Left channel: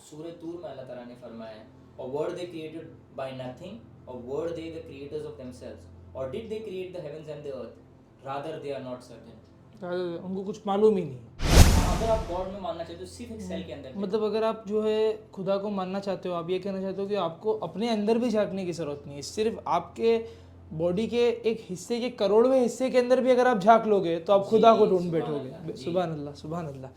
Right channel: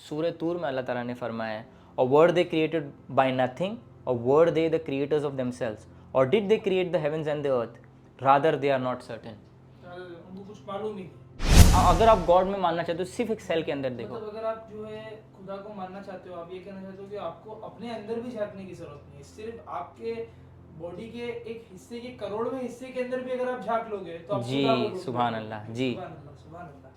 सूरह तूर में अल्लाह ताला ने फरमाया है, और were they created by nothing, और were they the creators of themselves, और did they create the heavens and the earth, rather they are not certain. उनको कुछ मालूम ही नहीं। अगर आप गॉड में मानना चाहते हो सिर्फ एक सेल के अंदर देखो, मतलब अगर आप जो है खुदा को मानना चाहते हो, आप ये कहना चाहते हो कि आपको अपने अंदर भी झांकने की ज़रूरत नहीं है, सिर्फ आपके बॉडी के एक हिस्से के करोड़वें हिस्से के अंदर भी अगर आप झांक लोगे तो आप जी खुदा को ढूंढ सुभान बैठोगे। अल्लाह जी। सुभान अल्लाह, सुभान अल्लाह।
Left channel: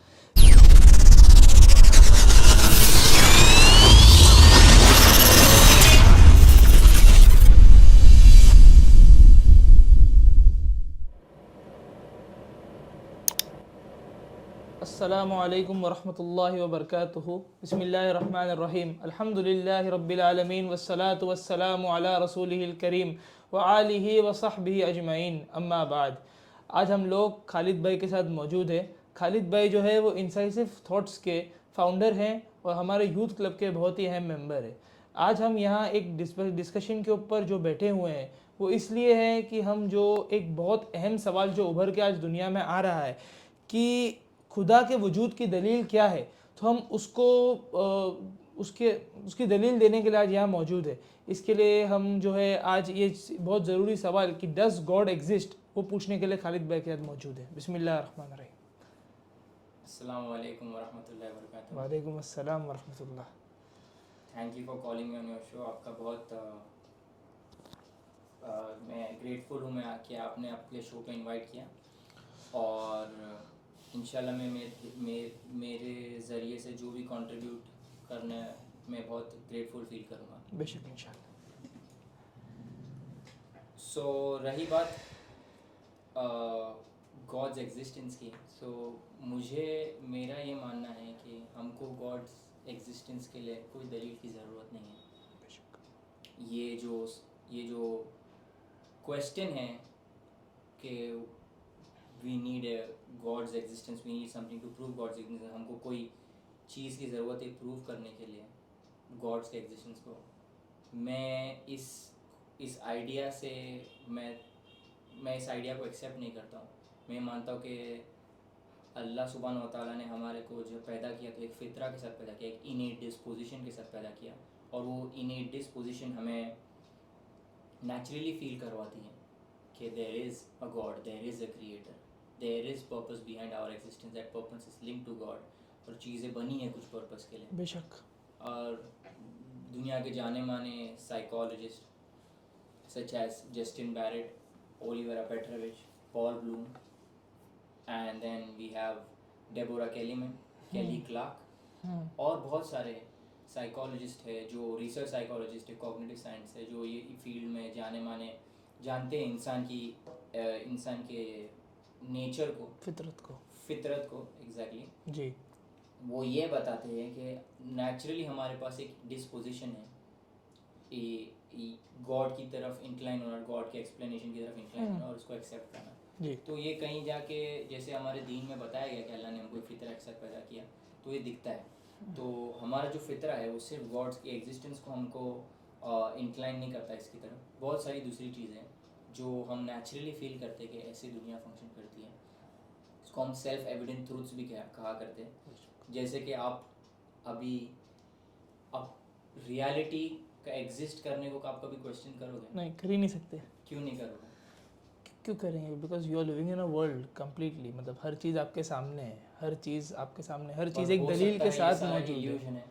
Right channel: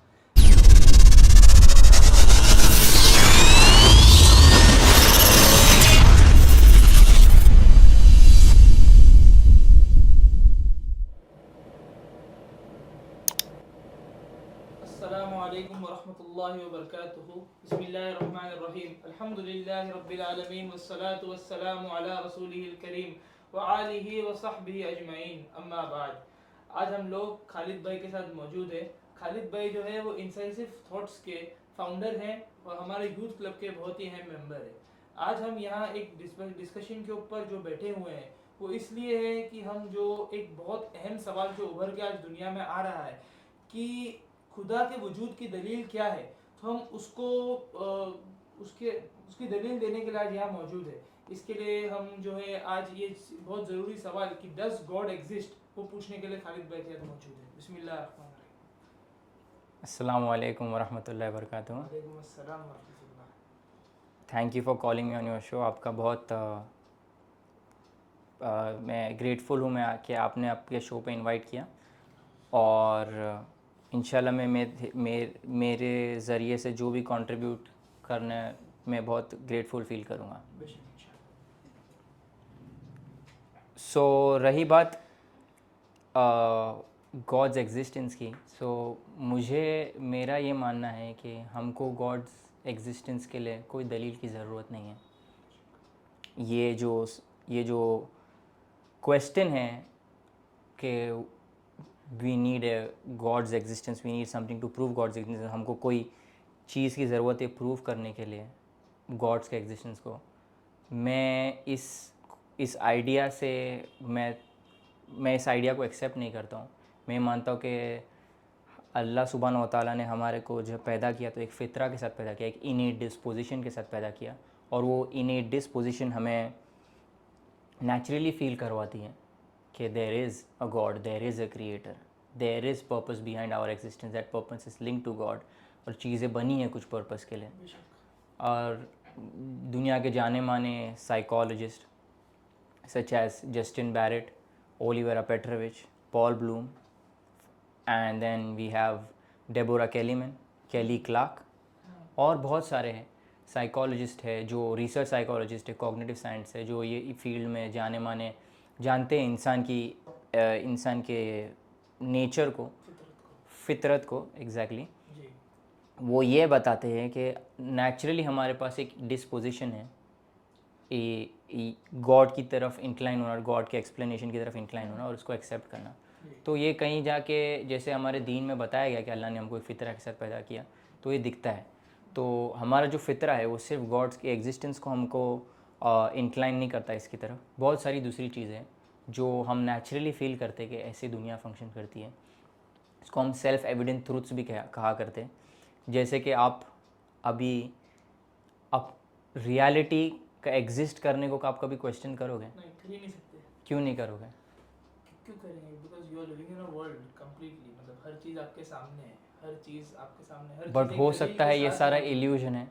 अस्सलामु अलैकुम वरहमतुल्लाहि वबरकातुहू। बिस्मिल्लाहिर्रहमानिर्रहीम। अल्हम्दुलिल्लाहि रब्बिल आलमीन वस्सलातु वस्सलामु अला रसूलिहिल करीम व आलिहि व सहबिहि अजमईन, अम्मा बाद। आज हम लोग खालिद भाई के साथ मौजूद है। खालिद भाई जो है वो इंसाइसिव थॉट्स के फाउंडर हैं और हमारे यूथ क्लब के बहुत ही अहम मेंबर है। आज हम यहाँ एक डिस्कशन के ऊपर जो बैठे हुए हैं वो इसलिए है कि हम जो एक बहुत अहम सवाल जो उभर के आज दुनिया में आ रहा है कि खुदा के वजूद की दलील क्या है, तो हम उसको उसके उसकी दलील देने के लिए आज यहाँ मौजूद है। इसके लिए हम जो है आज ये बहुत ज़रूरी सवाल कि डज गॉड एग्जिस्ट, वो पूछने के लिए खालिद भाई के साथ मौजूद है। बिस्मिल्लाहिर्रहमानिर्रहीम। अस्सलामु अलैकुम वरहमतुल्लाहि वबरकातुहू। वालेकुम अस्सलाम वरहमतुल्लाह। Thank you for calling me on your show. आपका बहुत मैं ग्रेटफुल हूँ मैं कि आपने आपके शो पे इनवाइट किया, और इंशाल्लाह मेरे ज़रिए से जो भी कंट्रीब्यूट करने मैं बहुत ग्रेटफुल फील करूँगा। बेशक इंशाल्लाह। सो रही बात गॉड्स एग्जिस्टेंस की, सो मुझे मेरा ये मानना है कि हमको गॉड्स एग्जिस्टेंस के लिए कोई दलील की ज़रूरत नहीं है। ये जो क्वेश्चन है कि we need a God's existence, we need something to prove God's existence, हमको कोई चीज़ की ज़रूरत है प्रूव करने के लिए गॉड्स के एग्जिस्टेंस को, मैं इस आइडिया से मैं इस आइडिया को एक्सेप्ट नहीं करता हूँ। मैं मानता हूँ कि अल्लाह सुब्हान व तआला ने हमारे को जब पैदा किया तो एक फ़ितरा के साथ पैदा किया, एक इनेट डिस्पोजिशन के साथ पैदा किया, और वो इनेट डिस्पोजिशन हमें नेचुरली फील करवाती है कि there is a God, there is a creator, there is purpose behind our existence, that purpose is link to God, और चीज़ें बनी हैं कुछ पर्पस के लिए। बेशक। और दुनिया के जाने माने psychologist such as Justin Barrett, Olivera Petrovich, Paul Bloom, and then we have Deborah Kellyman, Kelly Clark, और बहुत सारे हैं साइकोलॉजिस्ट है जो रिसर्च साइकोलॉजिस्ट है, कॉग्निटिव साइंस है, जो ये फील्ड में जाने माने जानते हैं इंसान के नेचर को, फितरत को एग्जैक्टली जी। वो ये बताते हैं कि नेचुरली हमारे पास एक डिस्पोजिशन है गॉड की तरफ इंक्लाइन होना, गॉड के एक्सप्लेनेशन की तरफ इंक्लाइन होना और उसको एक्सेप्ट करना। तो ये कहीं जाके जैसे हमारे दीन में बताया गया कि अल्लाह ने हमको एक फ़ितरा के साथ पैदा किया, तो ये दिखता है। तो हमारा जो फ़ितरा है वो सिर्फ गॉड्स के एग्जिस्टेंस को हमको इंक्लाइन नहीं करता इसकी तरफ, बहुत सारी दूसरी चीज़ें जो हम नेचुरली फील करते कि ऐसी दुनिया फंक्शन करती है, इसको हम सेल्फ एविडेंट ट्रूथ्स भी कहा करते हैं। जैसे कि आप अभी आप रियलिटी का एग्जिस्ट करने को आप कभी क्वेश्चन करोगे? नहीं, कर ही नहीं सकते। क्यों नहीं करोगे? क्यों करेंगे? Because you are living in a world completely, मतलब हर चीज़ आपके सामने है, हर चीज़ आपके सामने, हर चीज़ एक हो दलील सकता के है ये साथ सारा मौजूद है। इल्यूजन है,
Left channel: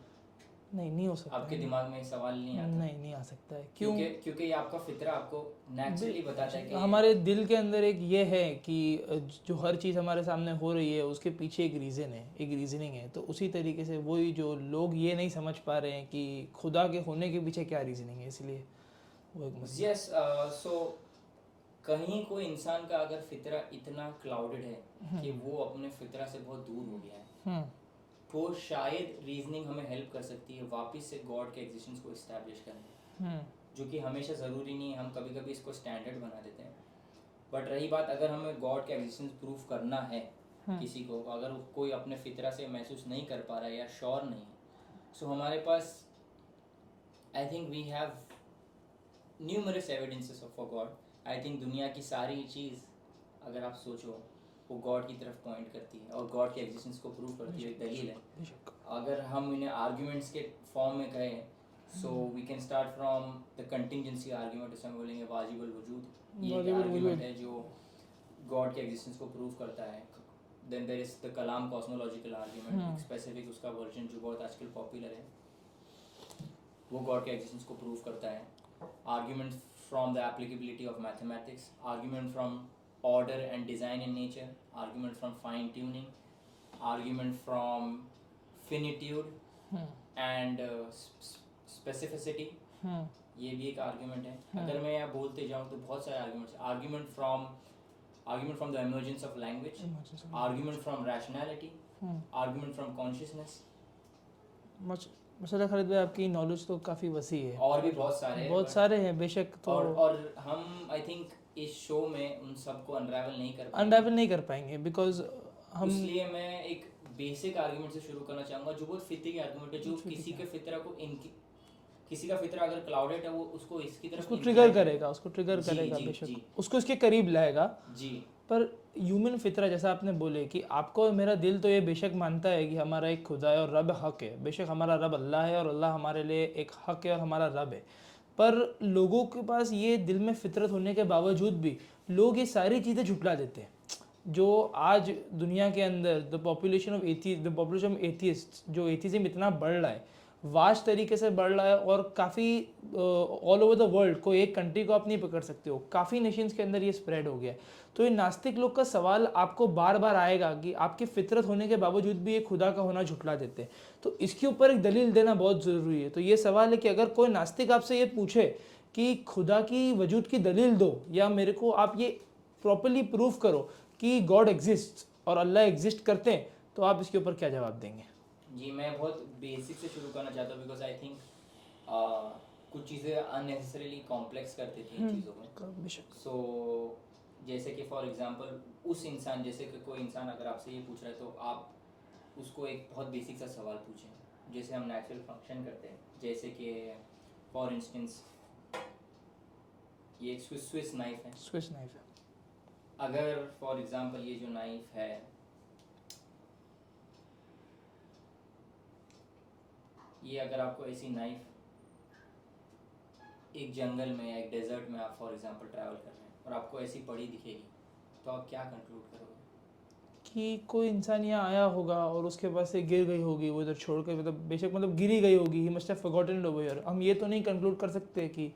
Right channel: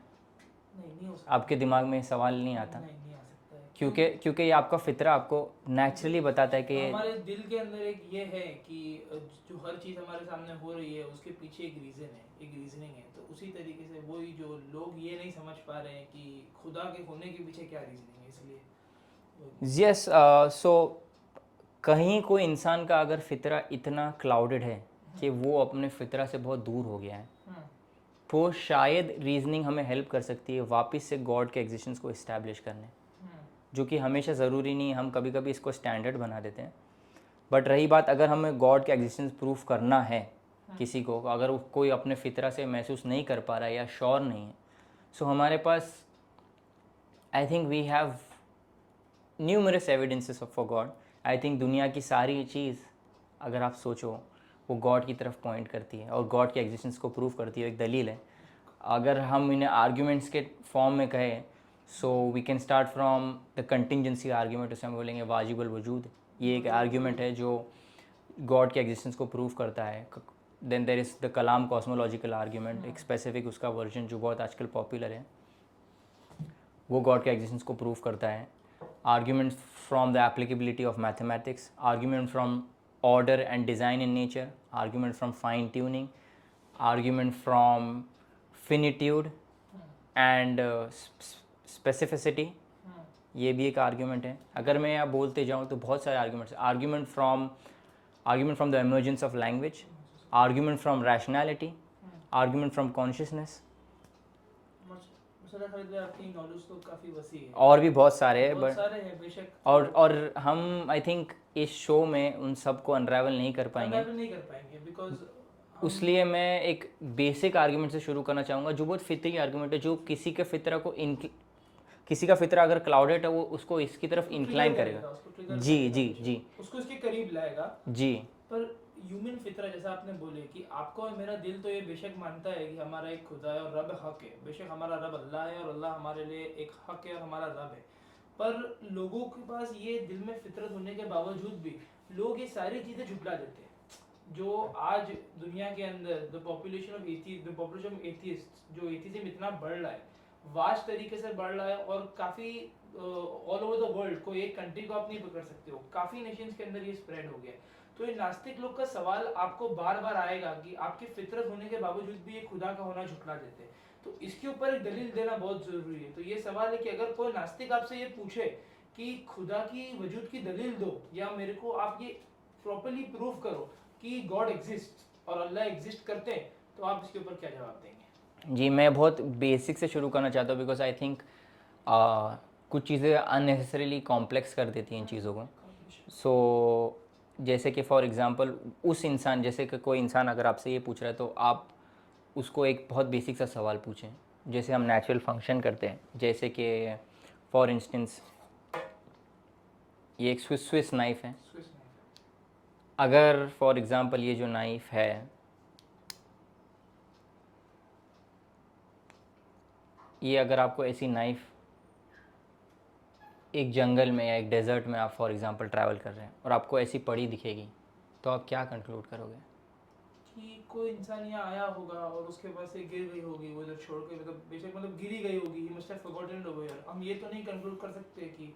नहीं हो सकता। आपके दिमाग में सवाल नहीं आता? नहीं आ सकता है। क्योंकि ये आपका फितरा आपको नेचुरली बताता है कि हमारे दिल के अंदर एक ये है कि जो हर चीज़ हमारे सामने हो रही है उसके पीछे एक रीज़न है, एक रीजनिंग है। तो उसी तरीके से वही जो लोग ये नहीं समझ पा रहे हैं कि खुदा के होने के पीछे क्या रीजनिंग है, इसलिए यस। सो कहीं कोई इंसान का अगर फितरा इतना क्लाउडेड है कि वो अपने फितरा से बहुत दूर हो गया है, तो शायद रीजनिंग हमें हेल्प कर सकती है वापस से गॉड के एग्जिस्टेंस को इस्टेब्लिश करने, जो कि हमेशा ज़रूरी नहीं, हम कभी कभी इसको स्टैंडर्ड बना देते हैं। बट रही बात, अगर हमें गॉड के एग्जिस्टेंस प्रूफ करना है किसी को, अगर कोई अपने फितरा से महसूस नहीं कर पा रहा है या श्योर नहीं है, सो हमारे पास I think we have numerous evidences for God. I think दुनिया की सारी चीज़ अगर आप सोचो वो गॉड की तरफ पॉइंट करती है और गॉड के एग्जिस्टेंस को प्रूव करती है, एक दलील है। अगर हम इन्हें आर्ग्यूमेंट्स के फॉर्म में कहें, so we can start from the contingency argument, उसे हम बोलेंगे वाजिबुल वजूद। ये एक आर्ग्यूमेंट है जो गॉड के एग्जिस्टेंस को प्रूव करता है। Then there is the kalam cosmological argument, एक स्पेसिफिक उसका वर्जन जो बहुत आजकल पॉपुलर है, वो गॉड के एग्जिस्टेंस को प्रूव करता है। Arguments from the applicability of mathematics, argument from order and design in nature, argument from fine tuning, argument from finitude and specificity, ये भी एक आर्ग्यूमेंट है। अगर मैं यहाँ बोलते जाऊँ तो बहुत सारे arguments. Argument from the emergence of language, argument from rationality, argument from consciousness. माशाल्लाह खालिद भाई, आपकी नॉलेज तो काफ़ी वसी है। और भी बहुत सारे हैं, बहुत सारे हैं बेशक। तो और हम आई थिंक इस शो में उन सबको अनरावल नहीं कर पाएंगे बिकॉज इसलिए मैं एक बेसिक आर्गुमेंट से शुरू करना चाहूँगा जो बहुत फितरी आर्गुमेंट है, जो किसी का फितरा अगर क्लाउडेड है वो उसको इसकी तरफ इंक्लाइन करेगा, उसको ट्रिगर जी करेगा, जी जी, उसको इसके करीब लाएगा जी। पर ह्यूमन फितरा, जैसा आपने बोले कि आपको मेरा दिल तो ये बेशक मानता है कि हमारा एक खुदा है और रब हक है, बेशक हमारा रब अल्लाह है और अल्लाह हमारे लिए एक हक है और हमारा रब है। पर लोगों के पास ये दिल में फितरत होने के बावजूद भी लोग ये सारी चीज़ें झुटला देते हैं। जो आज दुनिया के अंदर द पॉपुलेशन ऑफ एथियस्ट, जो एथिज्म इतना बढ़ रहा है, वास्ट तरीके से बढ़ रहा है और काफ़ी ऑल ओवर द वर्ल्ड, कोई एक कंट्री को आप नहीं पकड़ सकते हो, काफ़ी नेशंस के अंदर ये स्प्रेड हो गया है। तो ये नास्तिक लोग का सवाल आपको बार बार आएगा कि आपकी फितरत होने के बावजूद भी ये खुदा का होना झुटला देते हैं। तो इसके ऊपर एक दलील देना बहुत ज़रूरी है। तो ये सवाल है कि अगर कोई नास्तिक आपसे ये पूछे कि खुदा की वजूद की दलील दो, या मेरे को आप ये प्रॉपरली प्रूव करो कि गॉड एग्जिस्ट और अल्लाह एग्जिस्ट करते हैं, तो आप इसके ऊपर क्या जवाब देंगे? जी, मैं बहुत बेसिक से शुरू करना चाहता हूँ बिकॉज आई थिंक कुछ चीज़ें अननेसेसरीली कॉम्प्लेक्स कर देती हैं इन चीज़ों को। सो जैसे कि फॉर एग्जांपल उस इंसान, जैसे कि कोई इंसान अगर आपसे ये पूछ रहा है तो आप उसको एक बहुत बेसिक सा सवाल पूछें, जैसे हम नेचुरल फंक्शन करते हैं। जैसे कि फॉर इंस्टेंस ये एक स्विस नाइफ है। अगर फॉर एग्जांपल ये जो नाइफ है, ये अगर आपको ऐसी नाइफ एक जंगल में या एक डेजर्ट में आप फॉर एग्जांपल ट्रैवल कर रहे हैं और आपको ऐसी पड़ी दिखेगी, तो आप क्या कंक्लूड करोगे? कि कोई इंसान यहाँ आया होगा और उसके पास से गिर गई होगी, वो इधर छोड़ के, मतलब बेशक मतलब गिरी गई होगी, he must have forgotten it over here. हम ये तो नहीं कंक्लूड कर सकते कि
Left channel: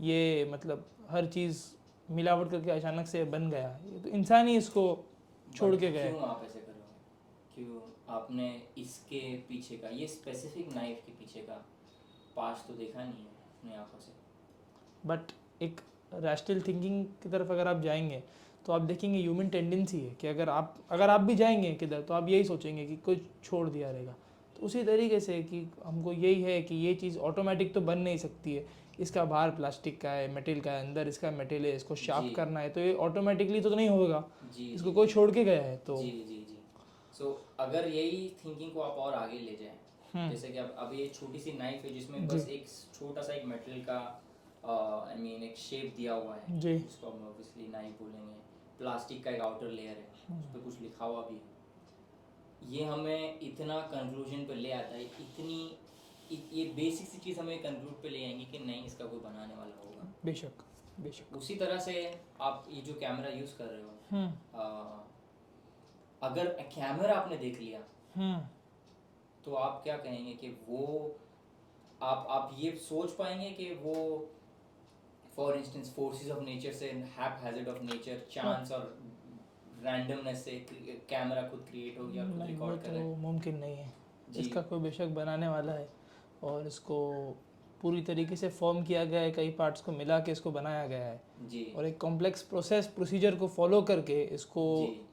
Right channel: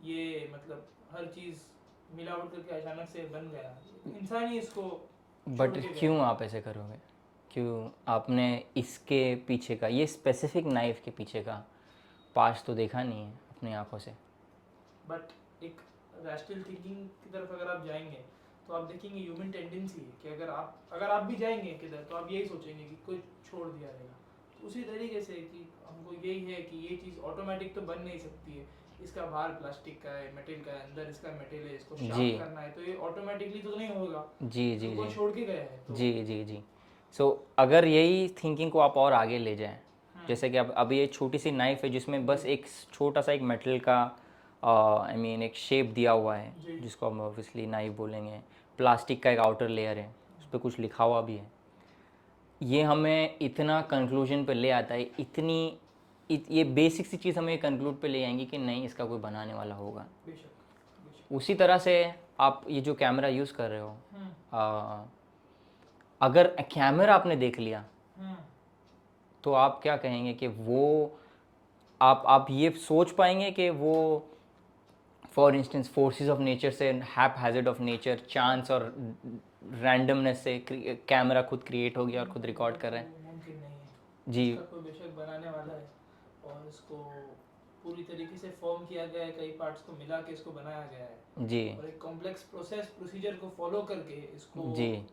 ये मतलब हर चीज़ मिलावट करके अचानक से बन गया, तो इंसान ही इसको छोड़ के गया। क्यों आप ऐसे करोगे? क्यों आपने इसके पीछे का, ये स्पेसिफिक नाइफ के पीछे का पास्ट तो देखा नहीं है अपनी आंखों से? बट एक रैशनल थिंकिंग की तरफ अगर आप जाएंगे तो आप देखेंगे ह्यूमन टेंडेंसी है कि अगर आप भी जाएंगे किधर, तो आप यही सोचेंगे कि कोई छोड़ दिया रहेगा। तो उसी तरीके से कि हमको यही है कि ये चीज़ ऑटोमेटिक तो बन नहीं सकती है, इसका बाहर प्लास्टिक का है, मेटल का है, अंदर इसका मेटल है, इसको शार्प करना है, तो ये ऑटोमेटिकली तो नहीं होगा। जी जी, कोई छोड़ के गया है तो जी जी जी। सो अगर यही थिंकिंग को आप और आगे ले जाएं, जैसे कि अब ये छोटी सी नाइफ है जिसमें बस एक छोटा सा एक मेटल का आई मीन एक शेप दिया हुआ है, जिसको हम ऑब्वियसली नाइफ बोलेंगे। प्लास्टिक का एक आउटर लेयर है, उस पर कुछ लिखा हुआ भी है। ये हमें इतना कंक्लूजन पे ले आता है, ये बेसिक सी चीज़ हमें कंक्लूड पे ले आएंगी कि नहीं, इसका कोई बनाने वाला होगा। बेशक। उसी तरह से आप ये जो कैमरा यूज़ कर रहे हो, अगर कैमरा आपने देख लिया तो आप क्या कहेंगे कि वो आप ये सोच पाएंगे कि वो for instance forces of nature से, हैज़ार्ड ऑफ नेचर, चांस और रैंडमनेस से कैमरा खुद क्रिएट हो गया और खुद रिकॉर्ड कर रहे हैं? मुमकिन नहीं है जी। इसका कोई बेशक बनाने वाला है और इसको पूरी तरीके से फॉर्म किया गया है, कई पार्ट्स को मिला के इसको बनाया गया है जी, और एक कॉम्प्लेक्स प्रोसीजर को फॉलो करके इसको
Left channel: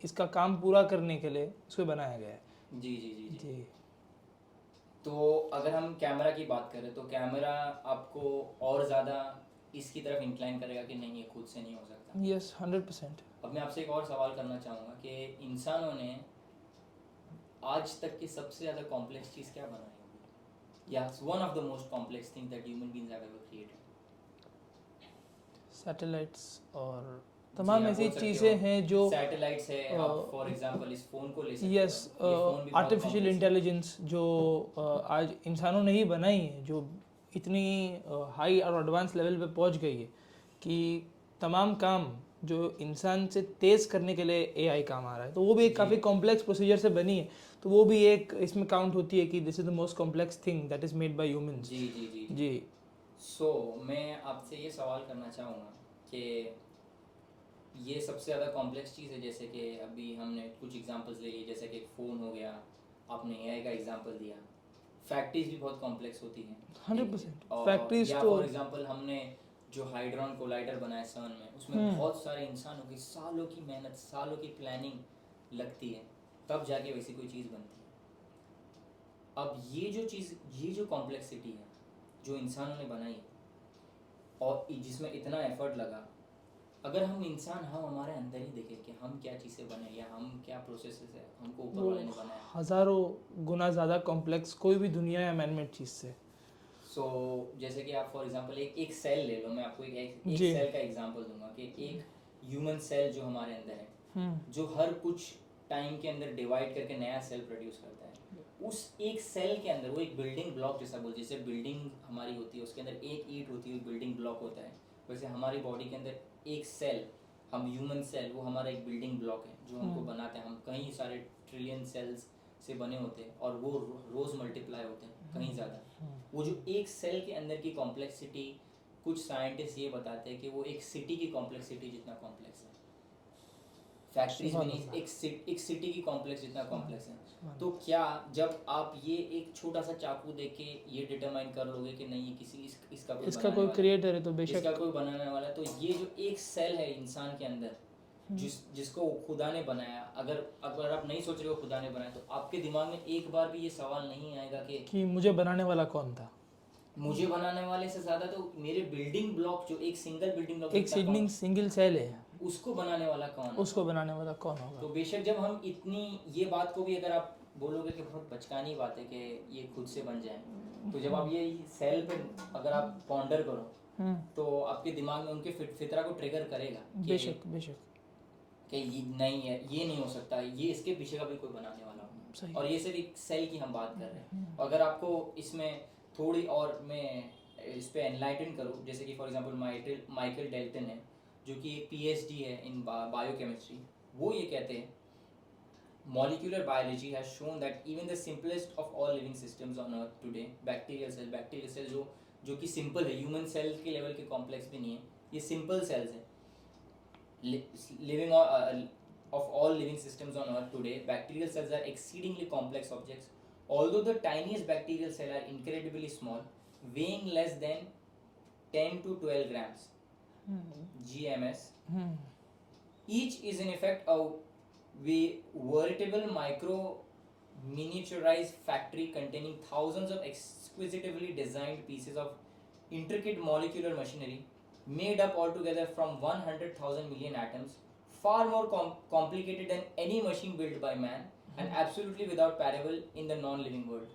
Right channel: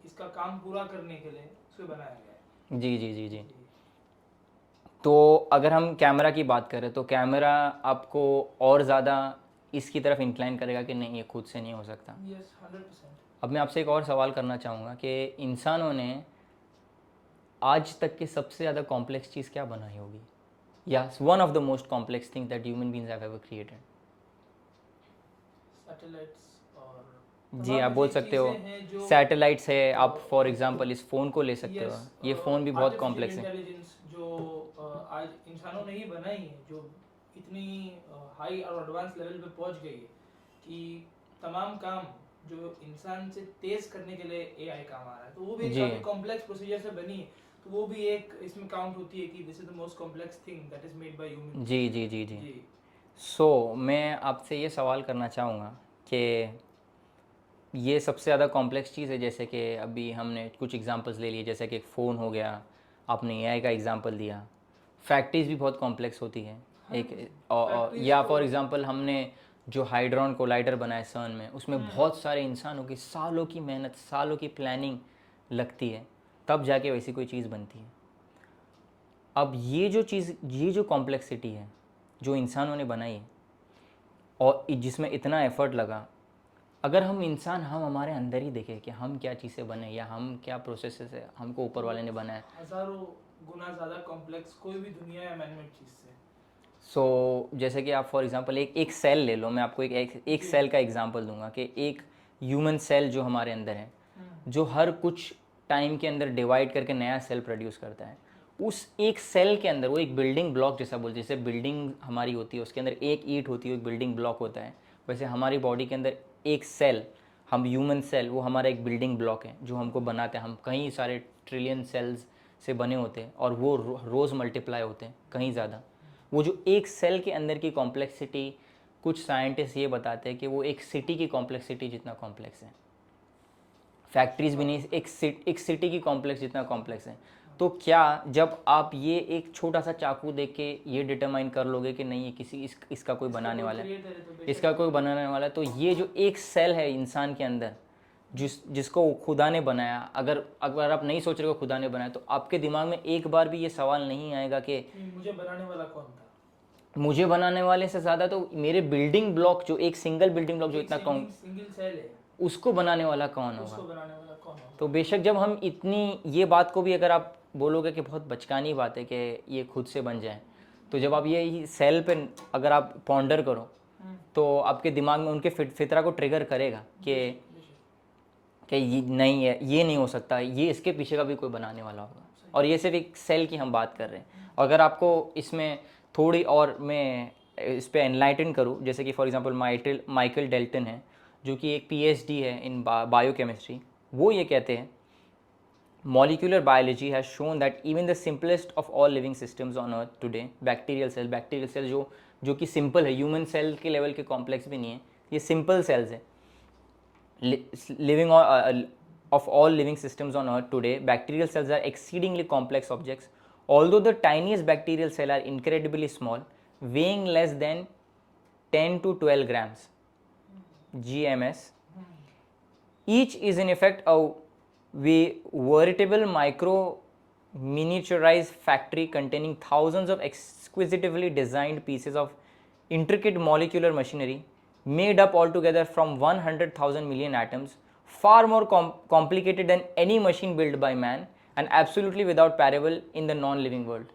इसका काम पूरा करने के लिए इसको बनाया गया है। जी जी जी जी। तो अगर हम कैमरा की बात करें तो कैमरा आपको और ज़्यादा इसकी तरफ इंक्लाइन करेगा कि नहीं, ये खुद से नहीं हो सकता? यस, 100%। अब मैं आपसे एक और सवाल करना चाहूँगा कि इंसानों ने आज तक की सबसे ज़्यादा कॉम्प्लेक्स चीज़ क्या बनाई होगी, या one of the most complex thing that human beings have ever created? Satellites और जी तमाम आप बोल ऐसी सकते हो चीज़ें हैं जो सैटेलाइट्स है, आप फॉर एग्जांपल इस फ़ोन को ले सकते यस, हो, ये फ़ोन भी बहुत आर्टिफिशियल कॉम्प्लेक्स है। इंटेलिजेंस जो आज इंसानों ने ही बनाई है, जो इतनी हाई और एडवांस लेवल पे पहुंच गई है कि तमाम काम जो इंसान से तेज़ करने के लिए एआई काम आ रहा है, तो वो भी एक जी काफ़ी कॉम्प्लेक्स प्रोसीजर से बनी है। तो वो भी एक इसमें काउंट होती है कि this is the most complex thing that is made by humans. जी जी जी जी। जी सो मैं आपसे ये सवाल करना चाहूँगा कि ये सबसे ज़्यादा कॉम्प्लेक्स चीज़ है, जैसे कि अभी हमने कुछ एग्जांपल्स ले लिए, जैसे कि एक फ़ोन हो गया, आपने एआई का एग्जांपल दिया। फैक्ट्रीज भी बहुत कॉम्प्लेक्स होती है। एक 100%। फैक्ट्रीज या तो फॉर एग्जांपल हमने जो हाइड्रॉन कोलाइडर बनाया सर्न में, उसमें हम्म बहुत सारे इंसानों की सालों की मेहनत, सालों की प्लानिंग लगती है, तब जाके वैसी कोई चीज़ बनती है। अब ये जो कॉम्प्लेक्सिटी है जो इंसानों ने बनाई है और जिसमें इतना एफर्ट लगा, अगर हम इंसान हम हमारे अंदर ही देखें कि हम क्या चीज़ से बने या हम क्या प्रोसेस से हमको ऊपर वो वाले ने बनाया। हज़ारों गुना ज़्यादा कॉम्प्लेक्स कोई भी दुनिया या मैनमेड चीज़ से। जैसे कि आप फॉर एग्जांपल एक सेल ले लो, मैं आपको एक जी। सेल का एग्जांपल दूंगा कि एक ह्यूमन सेल जो हमारे अंदर है, हम्म जो हर कुछ टाइम के अंदर डिवाइड करके नया सेल प्रोड्यूस करता है, उस एक सेल के अंदर वो एक बिल्डिंग ब्लॉक जैसा बोलते हैं, जैसे बिल्डिंग हमारी होती है उसके अंदर एक ईंट होती है, एक बिल्डिंग ब्लॉक होता है, वैसे हमारी बॉडी के अंदर एक सेल, हम ह्यूमन सेल, वो हमारा एक बिल्डिंग ब्लॉक है जो हमको बनाते हैं। हम कई सारे ट्रिलियन सेल्स से बने होते हैं और वो रोज़ मल्टीप्लाई होते हैं कहीं ज़्यादा। वो जो एक सेल के अंदर की कॉम्प्लेक्सिटी, कुछ साइंटिस्ट ये बताते हैं कि वो एक सिटी की कॉम्प्लेक्सिटी जितना कॉम्प्लेक्स है। फैक्ट्रीज भी सुभान नहीं, अल्लाह। एक सिटी की कॉम्प्लेक्स जितना कॉम्प्लेक्स है। तो क्या जब आप ये एक छोटा सा चाकू देख के ये डिटरमाइन कर लोगे कि नहीं ये इसका कोई इसका बनाने कोई वाला है, क्रिएटर है तो इसका बेशक। कोई बनाने वाला है, तो ये जो एक सेल है इंसान के अंदर, जिसको खुदा ने बनाया, अगर अगर आप नहीं सोच रहे हो खुदा ने बनाया, तो आपके दिमाग में एक बार भी ये सवाल नहीं आएगा कि मुझे बनाने वाला कौन था। मुझे बनाने वाले से ज़्यादा तो मेरे बिल्डिंग ब्लॉक, जो एक सिंगल बिल्डिंग ब्लॉक जो एक इतना कम, सिंगल सेल है, उसको बनाने वाला कौन होगा। उसको बनाने वाला कौन तो होगा। बेशक जब हम इतनी ये बात को भी अगर आप बोलोगे कि बहुत बचकानी बात है कि ये खुद से बन जाए, तो जब आप ये सेल पे अगर आप पॉन्डर करो, तो आपके दिमाग में उनके फितरा को ट्रिगर करेगा बेशक बेशक। कि ये नहीं है, ये नहीं हो सकता, ये इसके पीछे का भी कोई बनाने वाला होगा। सही। और ये सिर्फ एक सेल की हम बात कर रहे हैं। अगर आपको इसमें थोड़ी और मैं इस पे एनलाइटन करूँ, जैसे कि फॉर एग्जांपल माइकल डेल्टन है, जो कि एक पीएचडी है इन बायोकेमिस्ट्री, वो ये कहते हैं molecular biology has shown that even the simplest of all living systems on earth today, bacterial cell जो कि सिंपल है, ह्यूमन सेल के लेवल के कॉम्प्लेक्स भी नहीं है, ये सिंपल सेल्स है, living of all living systems on earth today, bacterial cells are exceedingly complex objects. Although the tiniest bacterial cell are incredibly small, weighing less than 10 to 12 grams GMS, each is in effect a veritable micro miniaturized factory containing thousands of exquisitely designed pieces of intricate molecular machinery made up altogether from 100,000 million atoms, far more complicated than any machine built by man and absolutely without parallel in the non-living world.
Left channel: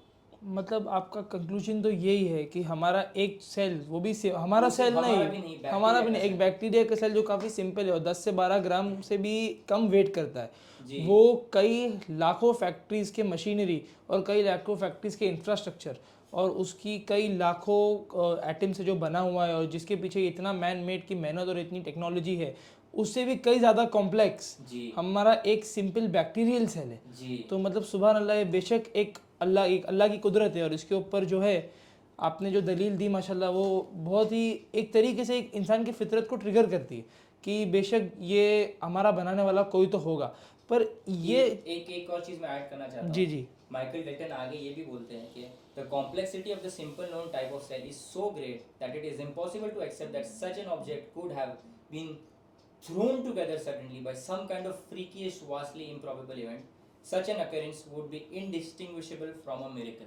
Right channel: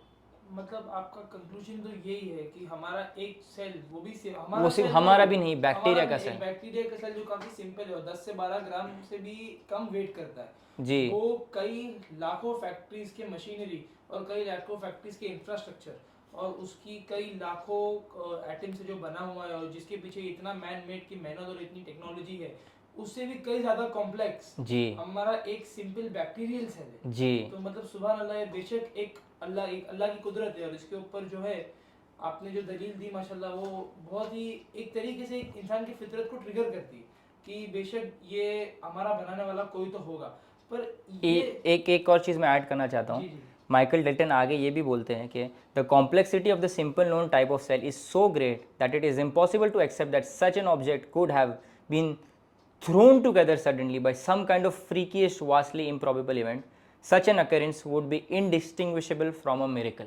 मतलब आपका conclusion तो यही है कि हमारा एक cell, वो भी हमारा वो सिर्फ सेल हमारा नहीं, भी नहीं, हमारा बैक्टीरिया भी का नहीं, एक सेल। बैक्टीरिया का सेल जो काफ़ी सिंपल है और 10 से 12 ग्राम से भी कम वेट करता है, जी वो कई लाखों फैक्ट्रीज के मशीनरी और कई लाखों फैक्ट्रीज के इंफ्रास्ट्रक्चर और उसकी कई लाखों एटम से जो बना हुआ है और जिसके पीछे इतना मैन मेड की मेहनत और इतनी टेक्नोलॉजी है, उससे भी कई ज़्यादा कॉम्प्लेक्स जी हमारा एक सिंपल बैक्टीरियल सेल है। जी तो मतलब सुभान अल्लाह, ये बेशक एक अल्लाह की कुदरत है और इसके ऊपर जो है आपने जो दलील दी माशाल्लाह, वो बहुत ही एक तरीके से एक इंसान की फितरत को ट्रिगर करती है कि बेशक ये हमारा बनाने वाला कोई तो होगा। पर ये एक और चीज़ मैं ऐड करना चाहता जी हूँ। जी माइकल डेल्टन आगे ये भी बोलते हैं कि the complexity of the simple known type of cell is so great that it is impossible to accept that such an object could have been thrown together suddenly by some kind of freakish, vastly improbable event. Such an occurrence would be indistinguishable from a miracle.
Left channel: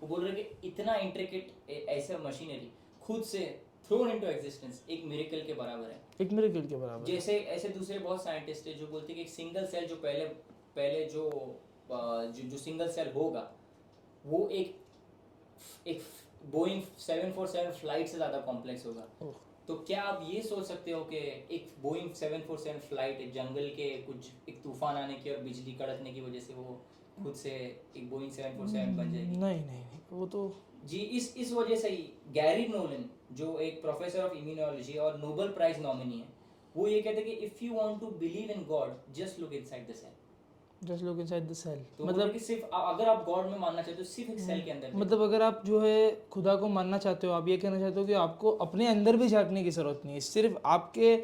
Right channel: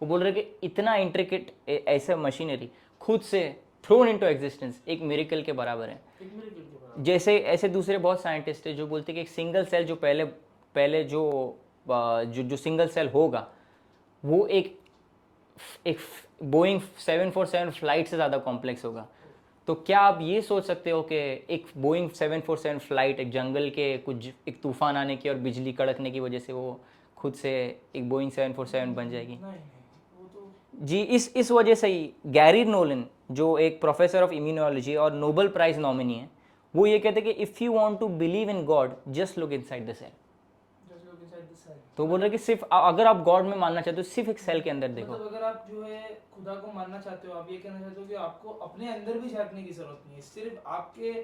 वो बोल रहे कि इतना intricate ऐसा machinery खुद से throne into existence एक miracle के बराबर है। एक मिरेकल के बराबर। जैसे ऐसे दूसरे बहुत साइंटिस्ट है जो बोलते हैं कि एक सिंगल सेल जो पहले जो सिंगल सेल होगा, वो एक बोइंग 747 फ्लाइट से ज़्यादा कॉम्प्लेक्स होगा। तो क्या आप ये सोच सकते हो कि एक बोइंग 747 फ्लाइट एक जंगल के कुछ एक तूफान आने की और बिजली कड़कने की वजह से वो खुद से एक बोइंग 747 बन जाएगी? नहीं नहीं, वो तो जी, इस वजह से ही गैरी नोलन, जो एक प्रोफेसर ऑफ इम्यूनोलॉजी और नोबेल प्राइज नॉमिनी है, वो ये कहते हैं कि if you want to believe in God just look inside the cell. Just look inside the cell. तो बोल रहे कि सिर्फ अगर आप गॉड में मानना चाहते हो सिर्फ एक सेल के अंदर देखो। मतलब अगर आप जो है खुदा को मानना चाहते हो, आप ये कहना चाहते हो कि आपको अपने अंदर भी झांकने की जरूरत नहीं है, सिर्फ आपके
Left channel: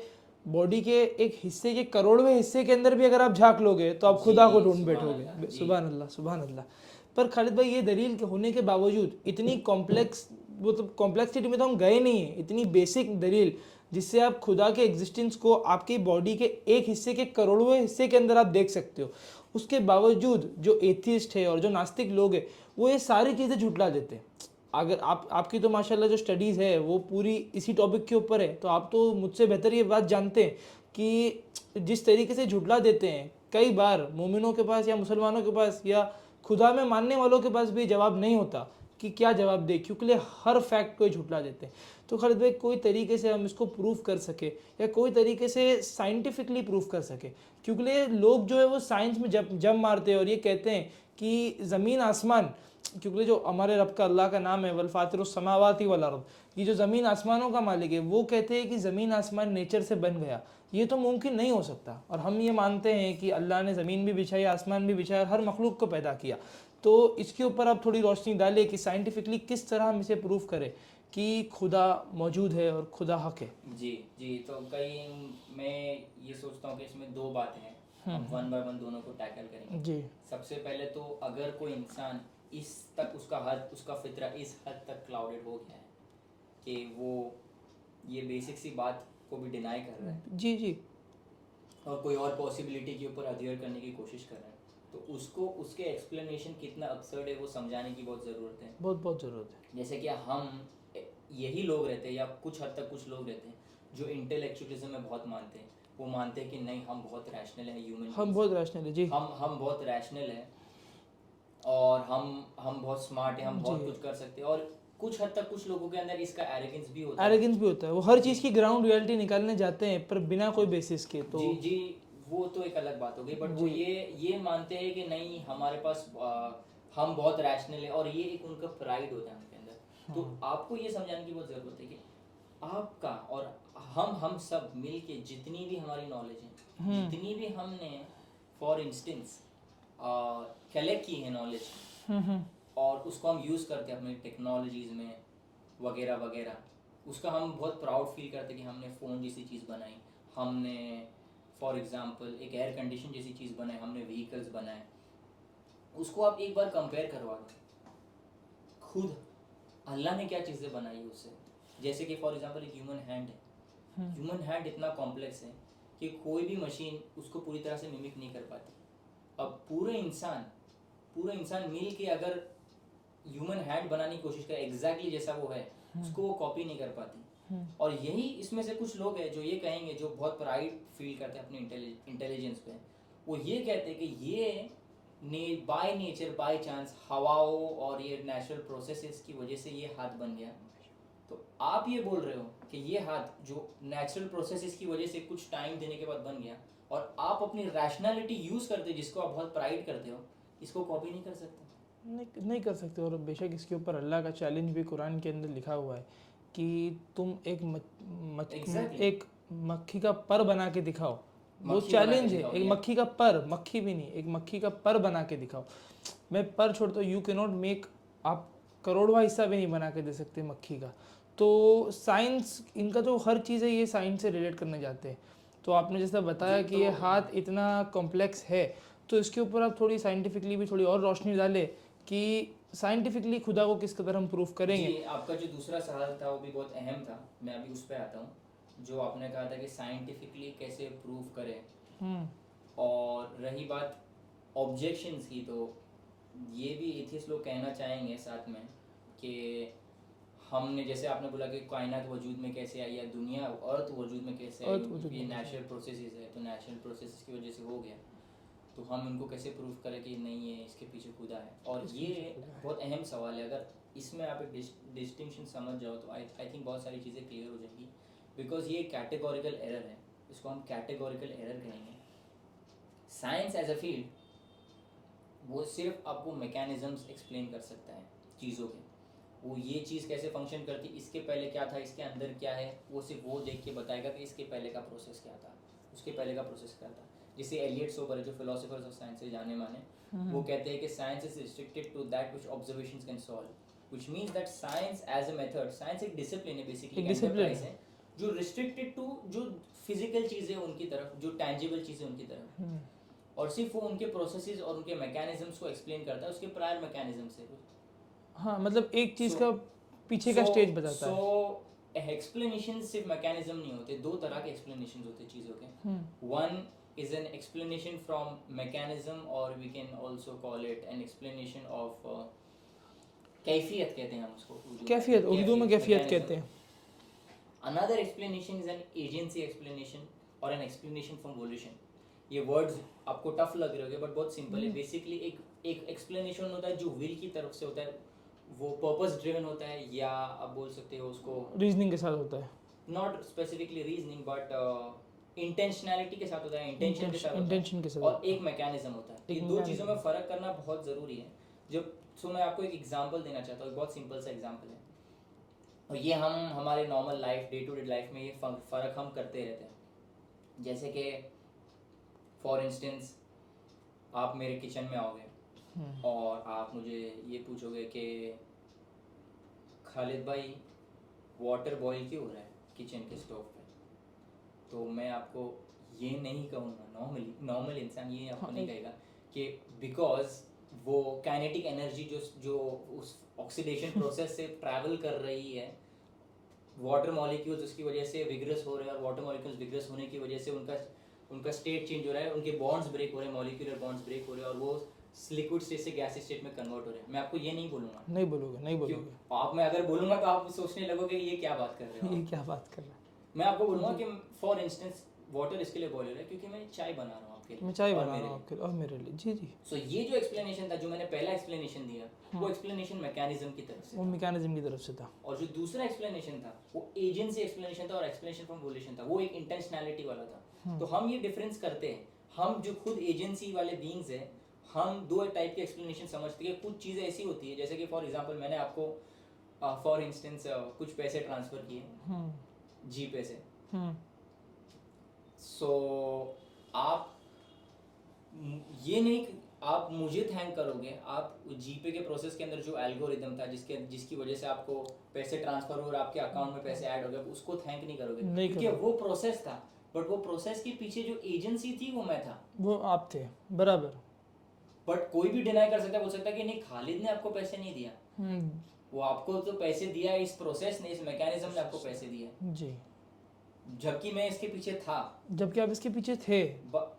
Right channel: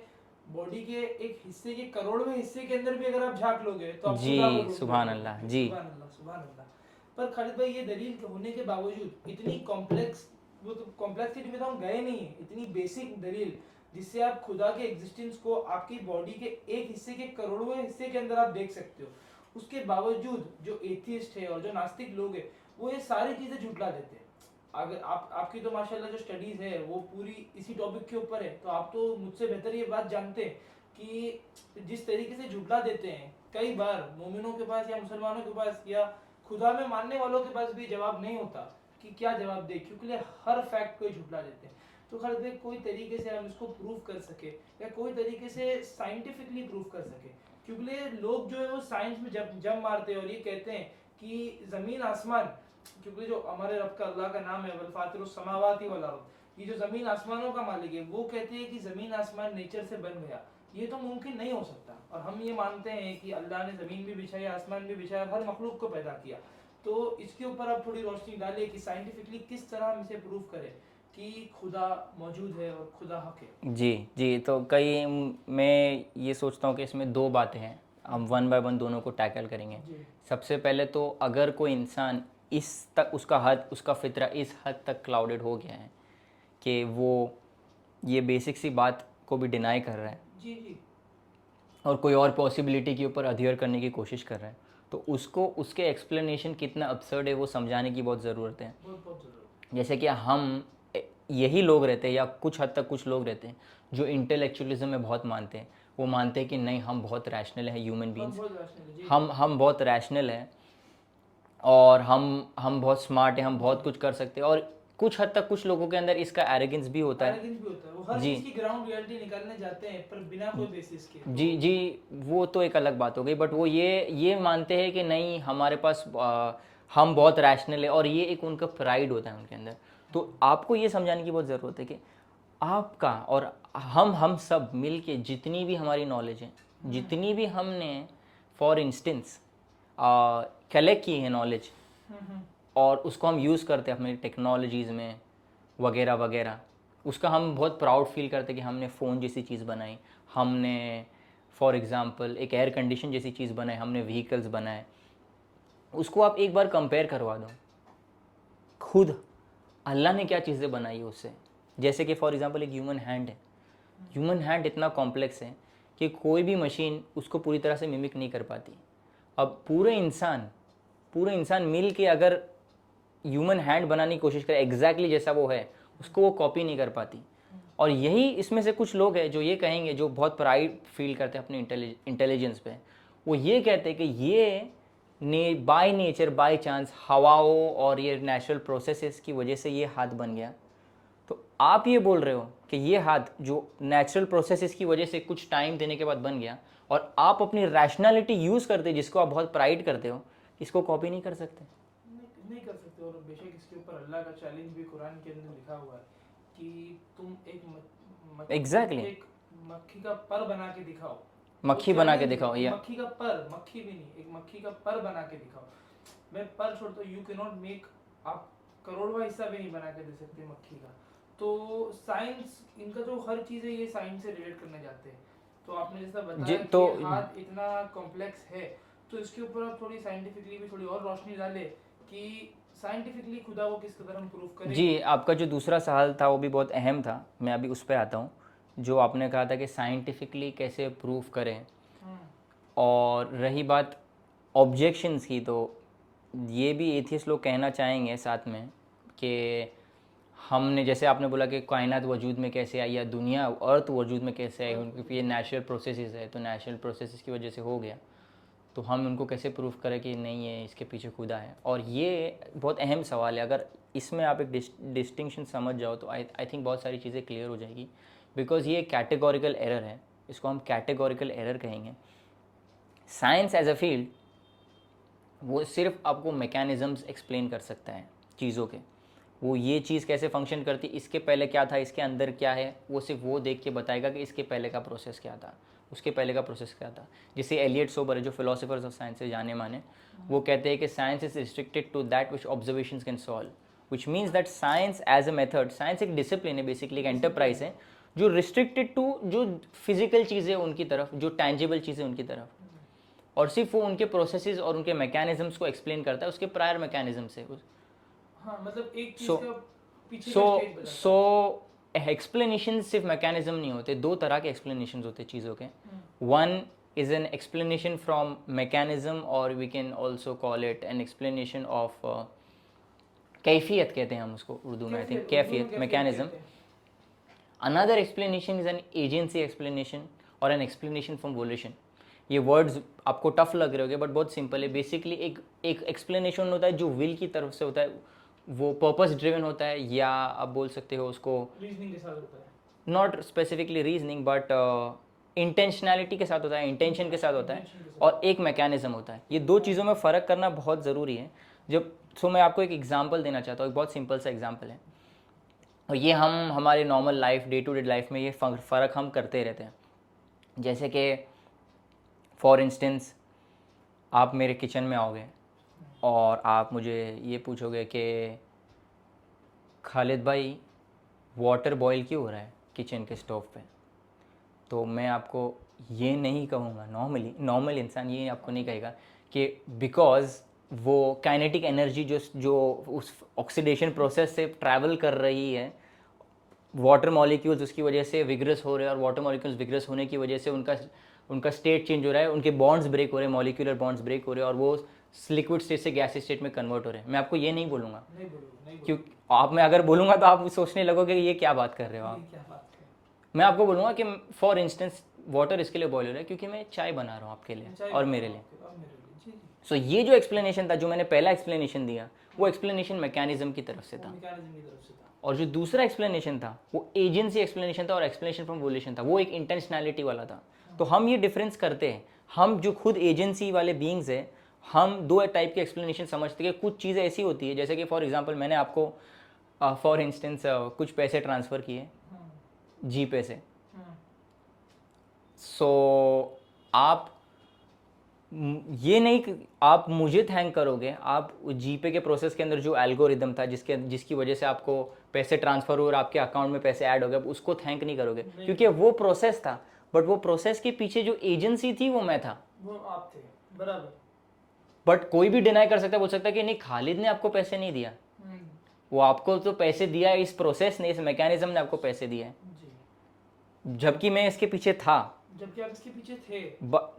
बॉडी के एक हिस्से के करोड़वें हिस्से के अंदर भी अगर आप झांक लोगे तो आप जी, खुदा को ढूंढ सुभान अल्लाह, बैठोगे। जी। सुभान अल्लाह, सुभान अल्लाह। पर खालिद भाई, ये दलील होने के बावजूद इतनी कॉम्प्लेक्स, वो तो कॉम्प्लेक्सिटी में तो हम गए नहीं है, इतनी बेसिक दलील जिससे आप खुदा के एग्जिस्टेंस को आपकी बॉडी के एक हिस्से के करोड़वें हिस्से के अंदर आप देख सकते हो, उसके बावजूद जो एथियस्ट है और जो नास्तिक लोग हैं वो ये सारी चीज़ें झुटला देते हैं। अगर आपकी तो माशाल्लाह जो स्टडीज़ है वो पूरी इसी टॉपिक के ऊपर है, तो आप तो मुझसे बेहतर ये बात जानते हैं कि जिस तरीके से झुटला देते हैं, कई बार मोमिनों के पास या मुसलमानों के पास या खुदा में मानने वालों के पास भी जवाब नहीं होता कि क्या जवाब दे, क्योंकि हर फैक्ट को ही झुटला देते हैं। तो खालिद भाई, कोई तरीके से हम इसको प्रूव कर सके या कोई तरीके से साइंटिफिकली प्रूव कर सके, क्योंकि लोग जो है वो साइंस में जब मारते हैं और ये कहते हैं कि ज़मीन आसमान, क्योंकि जो हमारे रब का अल्लाह का नाम है वल फातिरुस समावाति वल अर्द, ये जो ज़मीन आसमानों का मालिक है, वो कहते हैं कि ज़मीन आसमान नेचर से बन गया, ये तो मुमकिन नहीं हो सकता। और हम ये मानते हैं कि अल्लाह ने ज़मीन भी बिछाई, आसमान भी बिछाया और हर मखलूक को पैदा किया। तो इसके ऊपर आप थोड़ी रोशनी डालें कि साइंटिफिकली किस तरह हम इसे प्रूव करें कि खुदा मौजूद है और खुदा हक है। जी जी, तो कई मैं ये सोचता हूँ कि इसमें दो बातें हैं, हम वन बाय वन दोनों को टैकल करेंगे। जी सबसे पहले तो अगर कोई इंसान इस तक उसका फितरा इस हद तक क्लाउडेड हो गया है कि वो ये बेसिक सी बात को भी डिनाई कर रहा है जी जी, और कोई और पॉसिबिलिटी के ऊपर अधेयर करने की कोशिश कर रहा है, तो उसको उसके एक्सप्लेनेशन कितना अब्सर्ड है वो समझाने की बहुत ज़रूरत है। बहुत बहुत ज़रूरत है। जैसे कि हम यही लोग रहते हैं या कुछ हद तक कुछ लोग रहते हैं जो इंटेलेक्चुअलिज्म में बहुत मानते हैं। वो मानते हैं कि नहीं, हम बहुत रैशनल है ह्यूमन हम बींग्स, बहुत रैशनल है जी। हम बहुत रैशनल है और हम बहुत स्मार्ट हैं, हम बहुत कुछ कर सकते हैं। और कुछ हद तक कुछ लोगों के अंदर इसका एरोगेंस भी होता है। एरोगेंस भी होता है, वो हर चीज़ की ग्राउंड रियलिटी निकालने जाते हैं पर बिना कोई बेसिस के। तो जी जी, वो तो एक अलग बात हो गई, बट वो ये मानते हैं कि नहीं, हमारे पास हम बहुत रैशनल है, और ये एक उनका प्राइड होता है उनके अंदर। तो आपको ये समझाने की बहुत ज़रूरत है कि आपका और हम सब मिल के जितनी भी हमारी नॉलेज है, जितनी भी हमने फॉर इंस्टेंस कलेक्ट की है नॉलेज, और उसको हम यूज़ करते हैं अपनी टेक्नोलॉजीज़ में वगैरह वगैरह, उसका हम बहुत प्राउड फील करते हैं कि हमने फ़ोन जैसी चीज़ बनाई, हमने फॉर एग्ज़ाम्पल एक एयर कंडीशन जैसी चीज़ बनाई, हमने व्हीकल्स बनाए। उसको आप एक बार कंपेयर करवा दो, खुद अल्लाह ने क्या चीज़ें बनाई है उससे। जैसे कि फॉर एग्ज़ाम्पल एक ह्यूमन हैंड है, ह्यूमन हैंड इतना कॉम्प्लेक्स है कि कोई भी मशीन उसको पूरी तरह से मिमिक नहीं कर पाती। अब पूरे इंसान मिल के अगर ह्यूमन हैंड बनाने की कोशिश करे एग्जैक्टली जैसा वो है, उसको वो कॉपी नहीं कर पाती। और यही इसमें से कुछ लोग हैं जो ये कहेंगे, जो बहुत प्राइड फील करते हैं अपने इंटेलिजेंस पे, वो ये कहते हैं कि ये बाय नेचर बाय चांस हवाओं और ये नेचुरल प्रोसेसेस की वजह से ये हाथ बन गया। तो आप ये बोल रहे हो कि ये हाथ जो नेचुरल प्रोसेसेस की वजह से कुछ टाइम देने के बाद बन गया, और आप अपनी रैशनैलिटी यूज़ करते जिसको आप बहुत प्राइड करते हो, इसको कॉपी नहीं कर सकते? नहीं कर सकते। और बेशक इसके ऊपर अल्लाह का चैलेंज भी कुरान के अंदर लिखा हुआ है कि तुम Exactly. एक मक्खी का पर बना के दिखाओ। मक्खी वो बना के challenge है, दिखाओ, एक या मक्खी का पर, मक्खी भी नहीं, एक मक्खी का पर बना के दिखाओ। मैं पर छोड़ दो, यू कैन नॉट मेक, आप करोड़वा हिस्सा भी नहीं बना के दे सकते मक्खी का। तो साइंस, इनका जो हर चीज़ है ये साइंस से रिलेट करने जाते हैं। तो आपने जैसा बताया कि ये हाथ इतना कॉम्प्लेक्स है, तो इसके ऊपर आप थोड़ी साइंटिफिकली भी थोड़ी और रोशनी डालें कि साइंटिफिकली खुदा को किस कदर हम प्रूफ करेंगे। जी, आपका जो दूसरा सवाल था वो भी बहुत अहम था, मैं अभी उस पर आता हूँ। जो आपने कहा था कि साइंटिफिकली कैसे प्रूव करें, और रही बात ऑब्जेक्शंस की, तो ये भी एथियस्ट लोग कहना चाहेंगे साथ में कि हमने, जैसे आपने बोला कि कायनात वजूद में कैसे आई या दुनिया अर्थ वजूद में कैसे आई, क्योंकि ये नेचुरल प्रोसेसेस है, तो नेचुरल प्रोसेसेस की वजह से हो गया, तो हम उनको कैसे प्रूफ करें कि नहीं है, इसके पीछे खुदा है। और ये बहुत अहम सवाल है। अगर इसमें आप एक डिस्टिंक्शन समझ जाओ तो आई थिंक बहुत सारी चीज़ें क्लियर हो जाएगी बिकॉज ये कैटेगोरिकल एरर है, इसको हम कैटेगोरिकल एरर कहेंगे। साइंस एज अ फील्ड वो सिर्फ आपको मैकेनिज़म्स एक्सप्लेन कर सकता है चीज़ों के, वो ये चीज़ कैसे फंक्शन करती, इसके पहले क्या था, इसके अंदर क्या है, वो सिर्फ वो देख के बताएगा कि इसके पहले का प्रोसेस क्या था, उसके पहले का प्रोसेस क्या था। जैसे एलियट सोबर है, जो फिलोसोफर्स ऑफ साइंस से जाने माने, वो कहते हैं कि science is restricted to that which observations can solve, which means that science as a method, science एक डिसिप्लिन है, बेसिकली एक एंटरप्राइज है जो रिस्ट्रिक्टेड टू जो फिजिकल चीज़ें उनकी तरफ, जो टैंजिबल चीज़ें उनकी तरफ, और सिर्फ वो उनके प्रोसेसेस और उनके मैकेनिज्म्स को एक्सप्लेन करता है, उसके प्रायर मैकेनिज्म से। हाँ, मतलब एक चीज So- का पीछे का स्टेज बताता है। सो एक्सप्लेनेशन सिर्फ मैकेनिज्म नहीं होते, दो तरह के एक्सप्लेनेशन होते हैं चीज़ों के। One is an explanation from mechanism, और we can also call it an explanation of कैफियत, कहते हैं हम उसको उर्दू में, कैफियत, उर्दू में कैफियत मैकेनिज्म। कहते हैं। Another explanation is an agency explanation और एन एक्सप्लेनेशन फ्रॉम वोल्यूशन। ये वर्ड्स आपको टफ लग रहे होंगे बट बहुत सिंपल है। बेसिकली एक एक्सप्लेनेशन होता है जो विल की तरफ से होता है, वो पर्पस ड्रिवन होता है, या आप बोल सकते हो उसको रीजनिंग के साथ होता है, नॉट स्पेसिफिकली रीजनिंग बट इंटेंशनैलिटी के साथ होता है, इंटेंशन के साथ होता intention के है, साथ और एक मैकेनिज्म होता है। ये दो चीज़ों में फ़र्क करना बहुत ज़रूरी है। जब सो मैं आपको एक एग्जांपल देना चाहता हूँ, एक बहुत सिंपल सा एग्जांपल है, और ये हम हमारे normal life, day to day life में ये फ़र्क हम करते रहते हैं। जैसे कि फॉर इंस्टेंस आप मेरे किचन में आओगे और आप मुझे ये पूछोगे कि खालिद भाई वाटर बॉईल क्यों हो रहा है किचन के स्टोव पे, तो मैं आपको ये नहीं कहूँगा, नॉर्मल इंसान ये आपको नहीं कहेगा कि बिकॉज वो काइनेटिक एनर्जी जो उस ऑक्सीडेशन प्रोसेस से ट्रैवल कर रही है, वाटर मॉलिक्यूल्स उसकी वजह से विग्रस हो रहे हैं, और वाटर मॉलिक्यूल्स विग्रस होने की वजह से उनका स्टेट चेंज हो रहा है, उनके बॉन्ड्स ब्रेक हो रहे हैं, मॉलिक्यूलर बॉन्ड्स ब्रेक हो रहे हैं, और वो लिक्विड स्टेट से गैस स्टेट में कन्वर्ट हो रहे हैं। मैं आपको ये नहीं बोलूँगा, नहीं बोलोगे क्यों आप, मैं अगर बोलूँगा तो आप सोचने लगोगे कि ये क्या बात कर रहे हो ये आप। क्या बात कर रहे मैं आपको बोलूँगा कि फॉर इंस्टेंस वाटर इसके लिए बॉयल हो रहा है क्योंकि मैं चाय बना रहा हूँ आपके हो, लिए चाय और बनाओ मेरे लिए। आपके और मेरे लिए, जी जी, सो ये जो एक्सप्लेनेशन था, जो मैंने पहला एक्सप्लेनेशन दिया, वो एक्सप्लेनेशन मैकेनिज्म की तरफ से वो था, मैकेनिज्म की तरफ से था। और जो दूसरा एक्सप्लेनेशन था वो एजेंसी एक्सप्लेनेशन था, और एक्सप्लेनेशन फ्रॉम वोल्यूशन था, वो एक इंटेंशनैलिटी वाला था। तो हम ये डिफरेंस करते हैं, हम जो खुद एजेंसी वाले बींग्स हैं, हम दो टाइप के एक्सप्लेनेशन समझते हैं कि कुछ चीज़ें ऐसी होती है, जैसे कि फॉर एग्जांपल मैंने आपको फॉर इंस्टेंस कुछ पैसे ट्रांसफ़र किए जी पे से, सो आप ये नहीं कि आप मुझे थैंक करोगे, आप जीपे के प्रोसेस के अंदर जो एल्गोरिदम था जिसकी वजह से आपको पैसे ट्रांसफ़र हुए और आपके अकाउंट में पैसे ऐड हो गए, उसको थैंक नहीं करोगे क्योंकि वो प्रोसेस था, बट वो प्रोसेस के पीछे जो एजेंसी थी वो मैं था, वो आप थे, बराबर। बट कोई भी डिनाई कर सकता है, बोल सकता है कि नहीं खालिद ने आपको पैसे नहीं दिया, वो आपको तो पैसे दिया है इस प्रोसेस ने, इस मैकेनिज्म ने आपको पैसे दिया है, जी, जबकि मैं इसके पीछे था। जबकि आप इसके पीछे थे।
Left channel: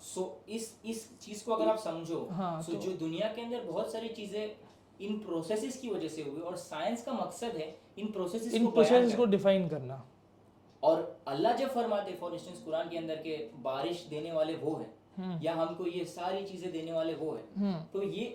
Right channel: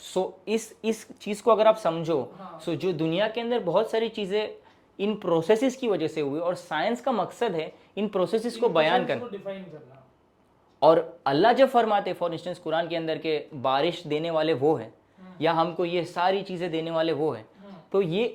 सो इस चीज़ को अगर आप समझो, सो जो दुनिया के अंदर बहुत सारी चीज़ें इन प्रोसेसेस की वजह से हुई, और साइंस का मकसद है इन प्रोसेसेस को बयान करना, डिफाइन करना। और अल्लाह जब फरमाते फॉर इंस्टेंस कुरान के अंदर के बारिश देने वाले वो है, या हमको ये सारी चीज़ें देने वाले वो है, तो ये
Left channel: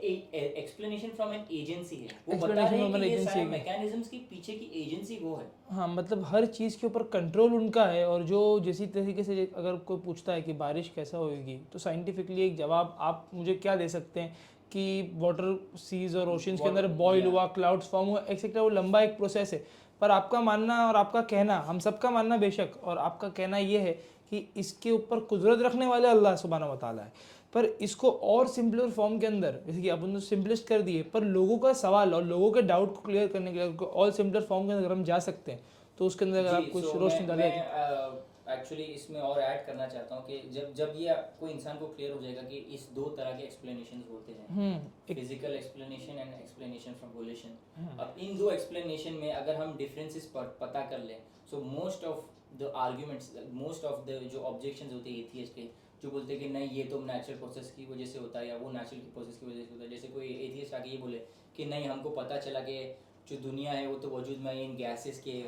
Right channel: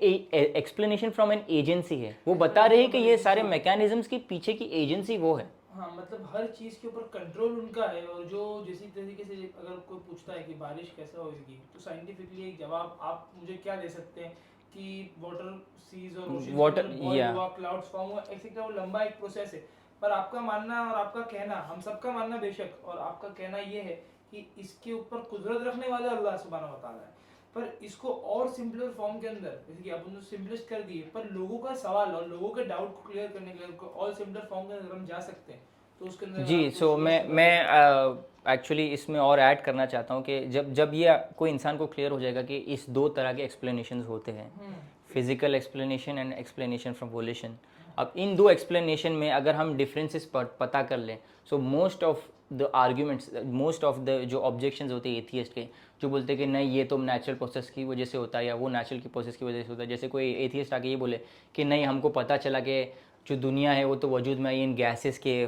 एक्सप्लेनेशन फ्रॉम एन एजेंसी है, वो बता रहे हैं कि ये सारे मैकेनिज्म्स के पीछे की एजेंसी वो है। हाँ, मतलब हर चीज़ के ऊपर कंट्रोल उनका है, और जो जैसी तरीके से अगर कोई पूछता है कि बारिश कैसा होगी, तो साइंटिफिकली एक जवाब आप मुझे क्या दे सकते हैं कि वाटर सीज और ओशंस के अंदर बॉयल हुआ, क्लाउड्स फॉर्म हुआ, एक्सेट्रा। वो लंबा एक प्रोसेस है, पर आपका मानना और आपका कहना, हम सबका मानना बेशक, और आपका कहना ये है कि इसके ऊपर कुदरत रखने वाले अल्लाह सुब्हानहू व तआला है, पर इसको और सिंपलर फॉर्म के अंदर, जैसे कि अपन तो सिंपलेस्ट कर दिए, पर लोगों का सवाल और लोगों के डाउट को क्लियर करने के लिए और सिंपलर फॉर्म के अंदर हम जा सकते हैं, तो उसके अंदर जी। सो मैं एक्चुअली इसमें और ऐड करना चाहता हूँ कि जब ये कोई इंसान को क्लियर हो जाएगा कि इस दो तरह के एक्सप्लेनेशन होते हैं, physical explanation and explanation from वोल्यूशन। अब इन दो एक्सप्लेनेशन में अगर हम डिफरेंसेस पता कर लें, so most of the arguments, most of the जो ऑब्जेक्शंस होते हैं एथियस्ट के, जो बोलते हैं कि नहीं ये तो नेचुरल प्रोसेस की वजह से होता है, या वो नेचुरल की प्रोसेस की वजह से होता है। जैसे कोई एथियस्ट आके ये बोले कि नहीं हमको पता चला कि जो दुनिया है वो तो वजूद में आई इन गैसेस के,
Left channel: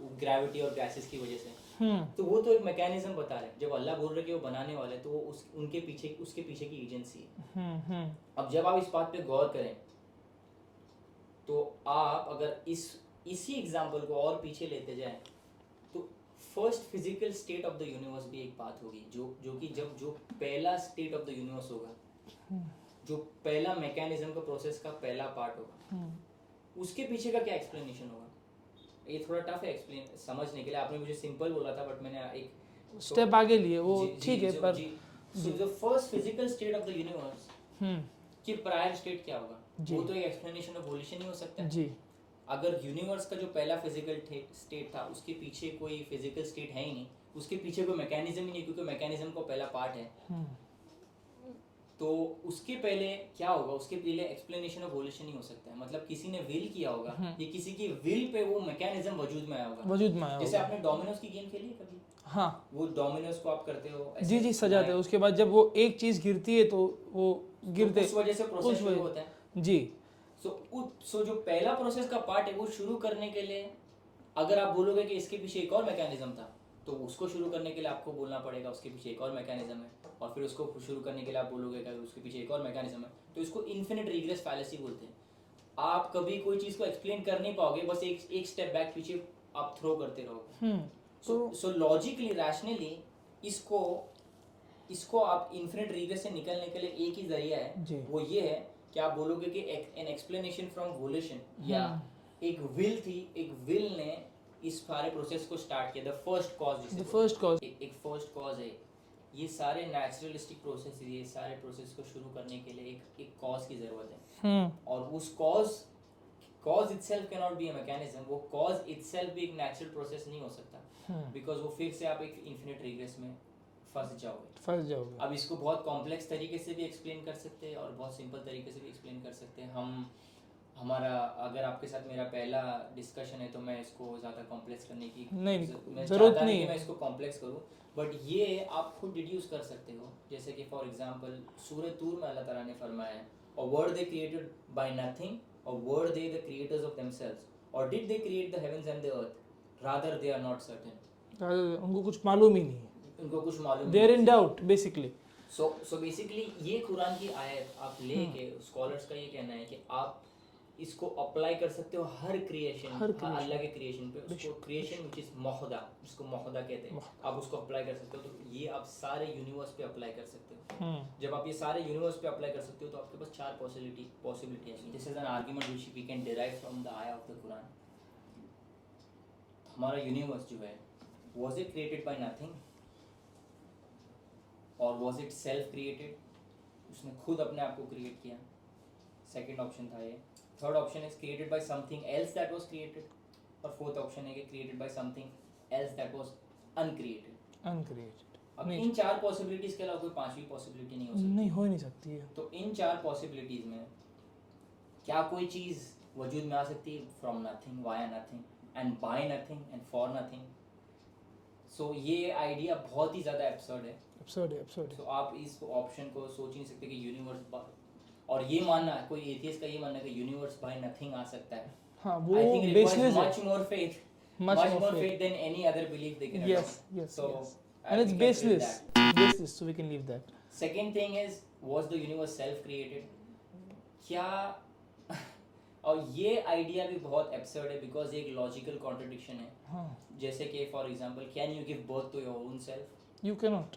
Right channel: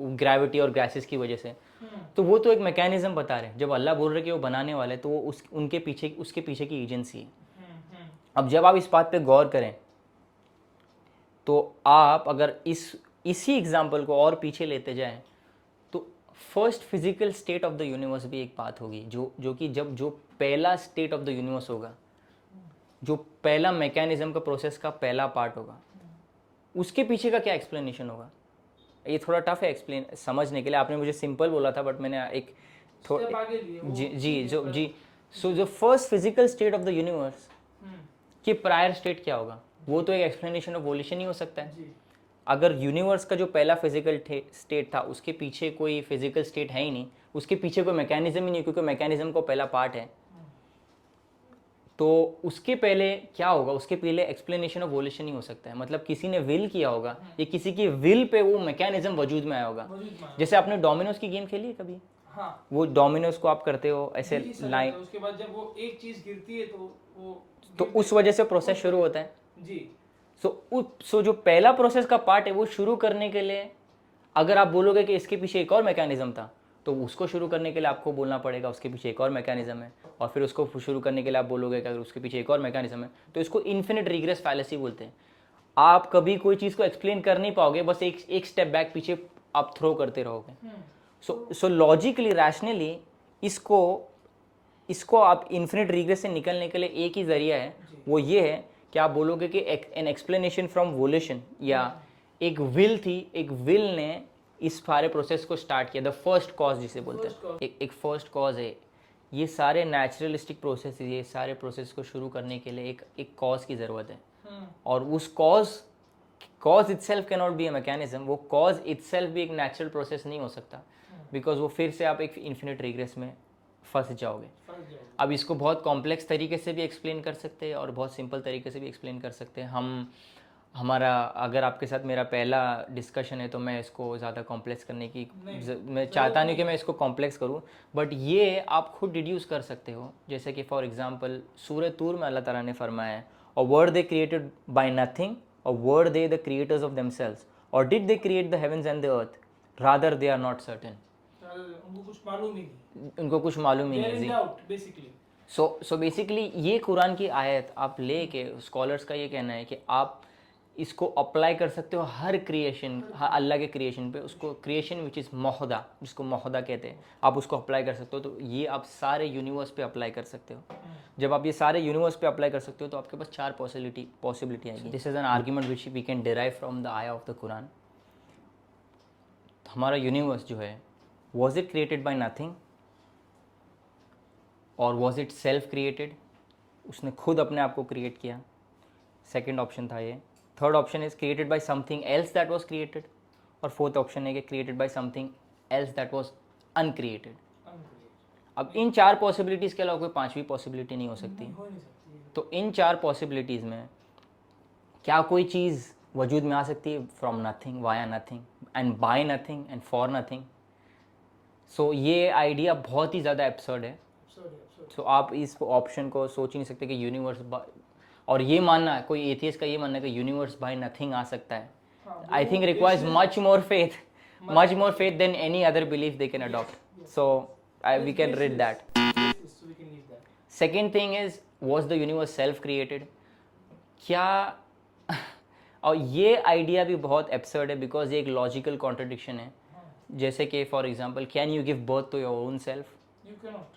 ग्रेविटी और गैसेस की वजह से, तो वो तो एक मैकेनिज्म बता रहे हैं। जब अल्लाह बोल रहे कि वो बनाने वाले, तो वो उसके पीछे की एजेंसी है। अब जब आप इस बात पे गौर करें, तो आप अगर इसी एग्जाम्पल को और पीछे लेते जाएं, तो first physical state of the universe भी एक बात होगी, जो कि जब जो पहला स्टेट ऑफ द यूनिवर्स होगा, जो पहला मैकेनिज्म का प्रोसेस का पहला पार्ट होगा, उसके पीछे का क्या एक्सप्लेनेशन होगा? ये थोड़ा टफ है एक्सप्लेन समझने के लिए। आपने मुझे सिंपल बोला था, बट मैंने एक स्टेप आगे लिए वो। जी सो जो first physical state of the universe के प्रायर स्टेट क्या होगा, वो तो एक एक्सप्लेनेशन ऑफ वोल्यूशन ही हो सकता है जी। अगर यूनिवर्स का जो पहला फिजिकल स्टेट था उसके पीछे कोई फिजिकल स्टेट है ही नहीं, उसके पीछे कोई मैकेनिज्म ही नहीं, क्योंकि मैकेनिज्म को पहला पार्ट है, तो उसके पहले क्या होगा? उसके पहले एक्सप्लेनेशन ऑफ वोल्यूशन ही हो सकता है। मतलब किसी ने विल किया होगा, या किसी की विल पे वो मैकेनिज्म वजूद में आया होगा। जैसे आपने डोमिनोज की गेम खेली है कभी? हाँ, वो डोमिनोज को आप करते हो ऐसे जी सजाते हैं, उसके बाद जब वो एक चीज गिरती है तो वो तो उस वजह से प्रोसेस शुरू होता है जी। सो जो पहला प्रोसेस का पार्ट है वो शुरू करने के लिए अगर आप बोलोगे कि इसके पीछे एक और मैकेनिज्म था, तो उसको शुरू करने के लिए आपको बोलना पड़ेगा उसके पीछे एक और मैकेनिज्म है, और फिर उसको शुरू करने के लिए आप बोलोगे कि अगर उसके पीछे एक और मैकेनिज्म है, तो इसको इन्फिनिट रिग्रेस फैलेसी बोलते हैं। आप कभी कोई चीज़ को एक्सप्लेन कर नहीं पाओगे, बस एक स्टेप बैक पीछे आप थ्रो करते रहोगे। सो लॉजिकली रैशनली इसको आप इन्फिनिट रिग्रेस से निकलने के लिए एक ही जरिया है, वो ये है कि आप बोलोगे कि एन एक्सप्लेनेशन फ्रॉम वोल्यूशन, या एक विल थी, एक विल ने इस सारे प्रोसेस को स्टार्ट किया, द फर्स्ट कॉज जिसे बोलते हैं, एक फर्स्ट कॉज है। ये सारे नेचुरलिस्टिक प्रोसेस, ये सारे प्रोसेस को शुरू करने के लिए एक कॉज की ज़रूरत है, और उस cause itself can not be a mechanism. वो कॉज इटसेल्फ भी एक नेचुरल प्रोसेस नहीं हो सकता, बिकॉज वो फिर से आप एक इन्फिनिट रिग्रेस में फंस जाओगे। अब इसको बहुत कॉम्प्लेक्स तरीके से भी एक्सप्लेन कर सकते हैं और बहुत सिंपल तरीके से भी एक्सप्लेन कर सकते हैं। हमारा अगर आपके साथ मेरा पहला डिस्कशन है तो मैं इसको ज़्यादा कॉम्प्लेक्स करने की मैं चाहता नहीं कि मैं इसको कॉम्प्लेक्स करूं, बट ये आप खुद डिड्यूस कर सकते हो। जैसे कि फॉर एग्जांपल सूरह तूर में अल्लाह ताला ने फरमाया है, और were they created by nothing, और were they the creators of themselves, और did they create the heavens and the earth, rather they are not certain. उनको कुछ मालूम ही नहीं, उनको कुछ मालूम ही नहीं, डाउट बेसिकली। सो बेसिकली ये कुरान की आयत आप लेके, स्कॉलर्स का ये कहना है कि आप इसको अप्लाई कर सकते हो हर क्रिएशन, अल्लाह के क्रिएशन पे। उसको क्रिएशन विच इज़ मोहदा, जिसको मोहदा कहते हैं, आप उसको अप्लाई कर सकते हो। तो ये आप सारे यूनिवर्स पे अप्लाई कर सकते हो। जब आप ये सारे यूनिवर्स पे अप्लाई कर सकते हो तो आपके पास 4 पॉसिबिलिटी आएगी। This is an argument which we can derive from the आया ऑफ द कुरान। हमारा यूनिवर्स जो है, was it created by nothing, और वॉज इट सेल्फ क्रिएटेड? उसने खुद अपने आप को क्रिएट किया, सेकेंड ऑप्शन था ये। Third option is created by something else that was created, और फोर्थ ऑप्शन है कि created by something else that was uncreated. अब इन 4 पॉसिबिलिटीज़ के अलावा कोई 5वीं पॉसिबिलिटी नहीं हो सकती। नहीं हो नहीं सकती है। तो इन 4 पॉसिबिलिटीज़ में क्या कोई चीज़ वजूद में आ सकती है from nothing, via nothing, and by nothing, and for nothing? So ये आइडिया बहुत ही ज़्यादा एब्सर्ड है। सो आप इस ऑप्शन को सोच ही नहीं सकते कि यूनिवर्स, और ये मानना है, कोई एथियस्ट का ये मानना है कि यूनिवर्स बाय नथिंग आ सकता है, I think requires much more faith than any other belief they can adopt. So we can read that. Second thing is, was the universe self created? क्या और ये आइडिया भी बहुत एब्सर्ड है, because ये एक लॉजिकल कॉन्ट्रडिक्शन है। जैसे कि for example, can you give birth to your own self? You can not.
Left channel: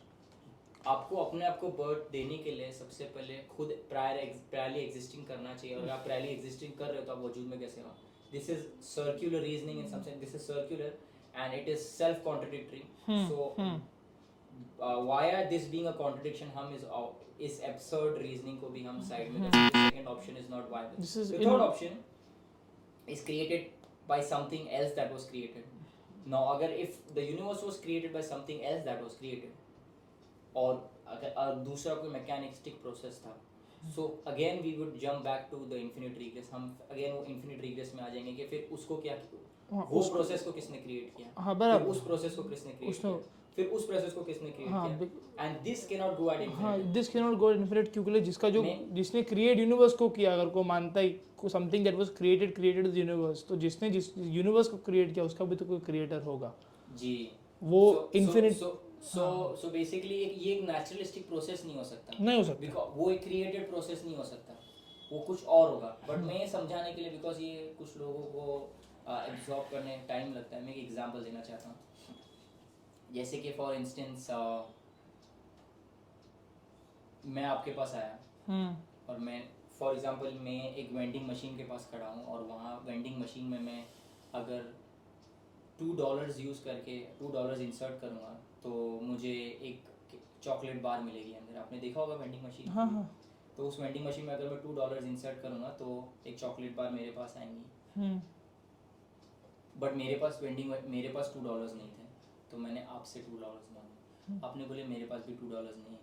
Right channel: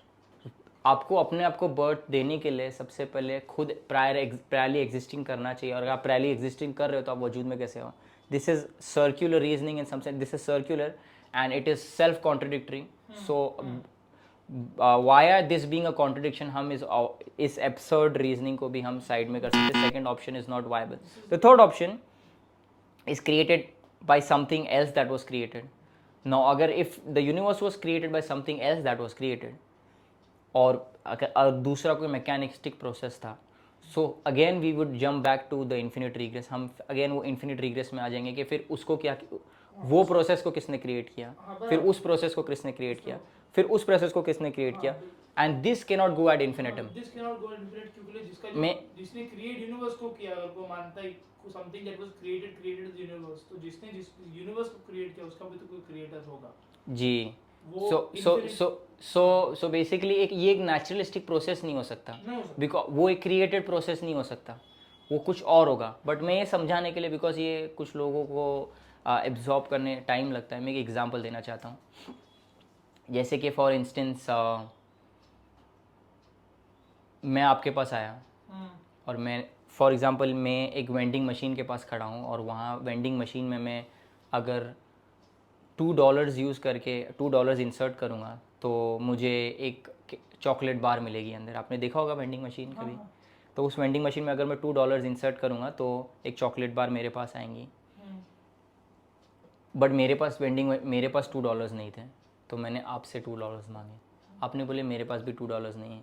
आपको अपने आप को बर्थ देने के लिए सबसे पहले खुद प्रायरली एग्जिस्टिंग करना चाहिए, और अगर आप प्रायरली एग्जिस्टिंग कर रहे हो तो आप वजूद में कैसे हो? This is circular reasoning in some sense, this is circular and it is self contradictory. So via this being a contradiction, हम इस एब्सर्ड रीजनिंग को भी हम साइड में कर सकते हैं। Second option is not viable. The third option is created by something else that was created. Now अगर if the universe was created by something else that was created, और दूसरा कोई मैकेनिस्टिक प्रोसेस था, so again we would jump back to the infinite regress. हम अगेन वो infinite regress में आ जाएंगे कि फिर उसको क्या, वो प्रोसेस को किसने क्रिएट किया, फिर उस प्रोसेस को किसने क्रिएट किया, फिर उस प्रोसेस को किसने क्रिएट किया, and this can not go at infinitum. This can not go at infinite, क्योंकि जिसका जो जिसने क्रिएट यूनिवर्स को किया, अगर को मानता है को something that was created the universe, तो जिसने जिस यूनिवर्स को क्रिएट किया उसका भी तो कोई क्रिएटर होगा जी। वो सो बेसिकली ये एक नेचुरलिस्टिक प्रोसेस नहीं हो सकता, बिकॉज वो एक क्रिएटेड प्रोसेस नहीं हो सकता, वो कुछ और होगा। बट मैं ये समझाने के लिए, बिकॉज ये कुछ लोगों को एब्जॉर्ब करने टाइम लगता है, मैं एक एग्जांपल देना चाहता हूँ। जैसे कि फॉर इंस्टेंस मैं आपके पास आया और मैं फॉर एग्ज़ाम्पल मैं एक वेंडिंग मशीन के पास खड़ा हूँ और वहाँ वेंडिंग मशीन में मैं अगर $2 यूज़ करके $2 इंसर्ट करूँगा तो मुझे एक चॉकलेट बार मिलेगी अंदर। आपने देखा होगा वेंडिंग मशीन हाँ कभी? हाँ। तो उस वेंडिंग मशीन में अगर मैं $2 इंसर्ट करूँगा तो एक चॉकलेट बार मेरे पास आएंगी। बट मेरे पास $2 नहीं थे, तो मैंने आपसे $2 मांगे। आपने बोले मेरे पास भी $2 नहीं है,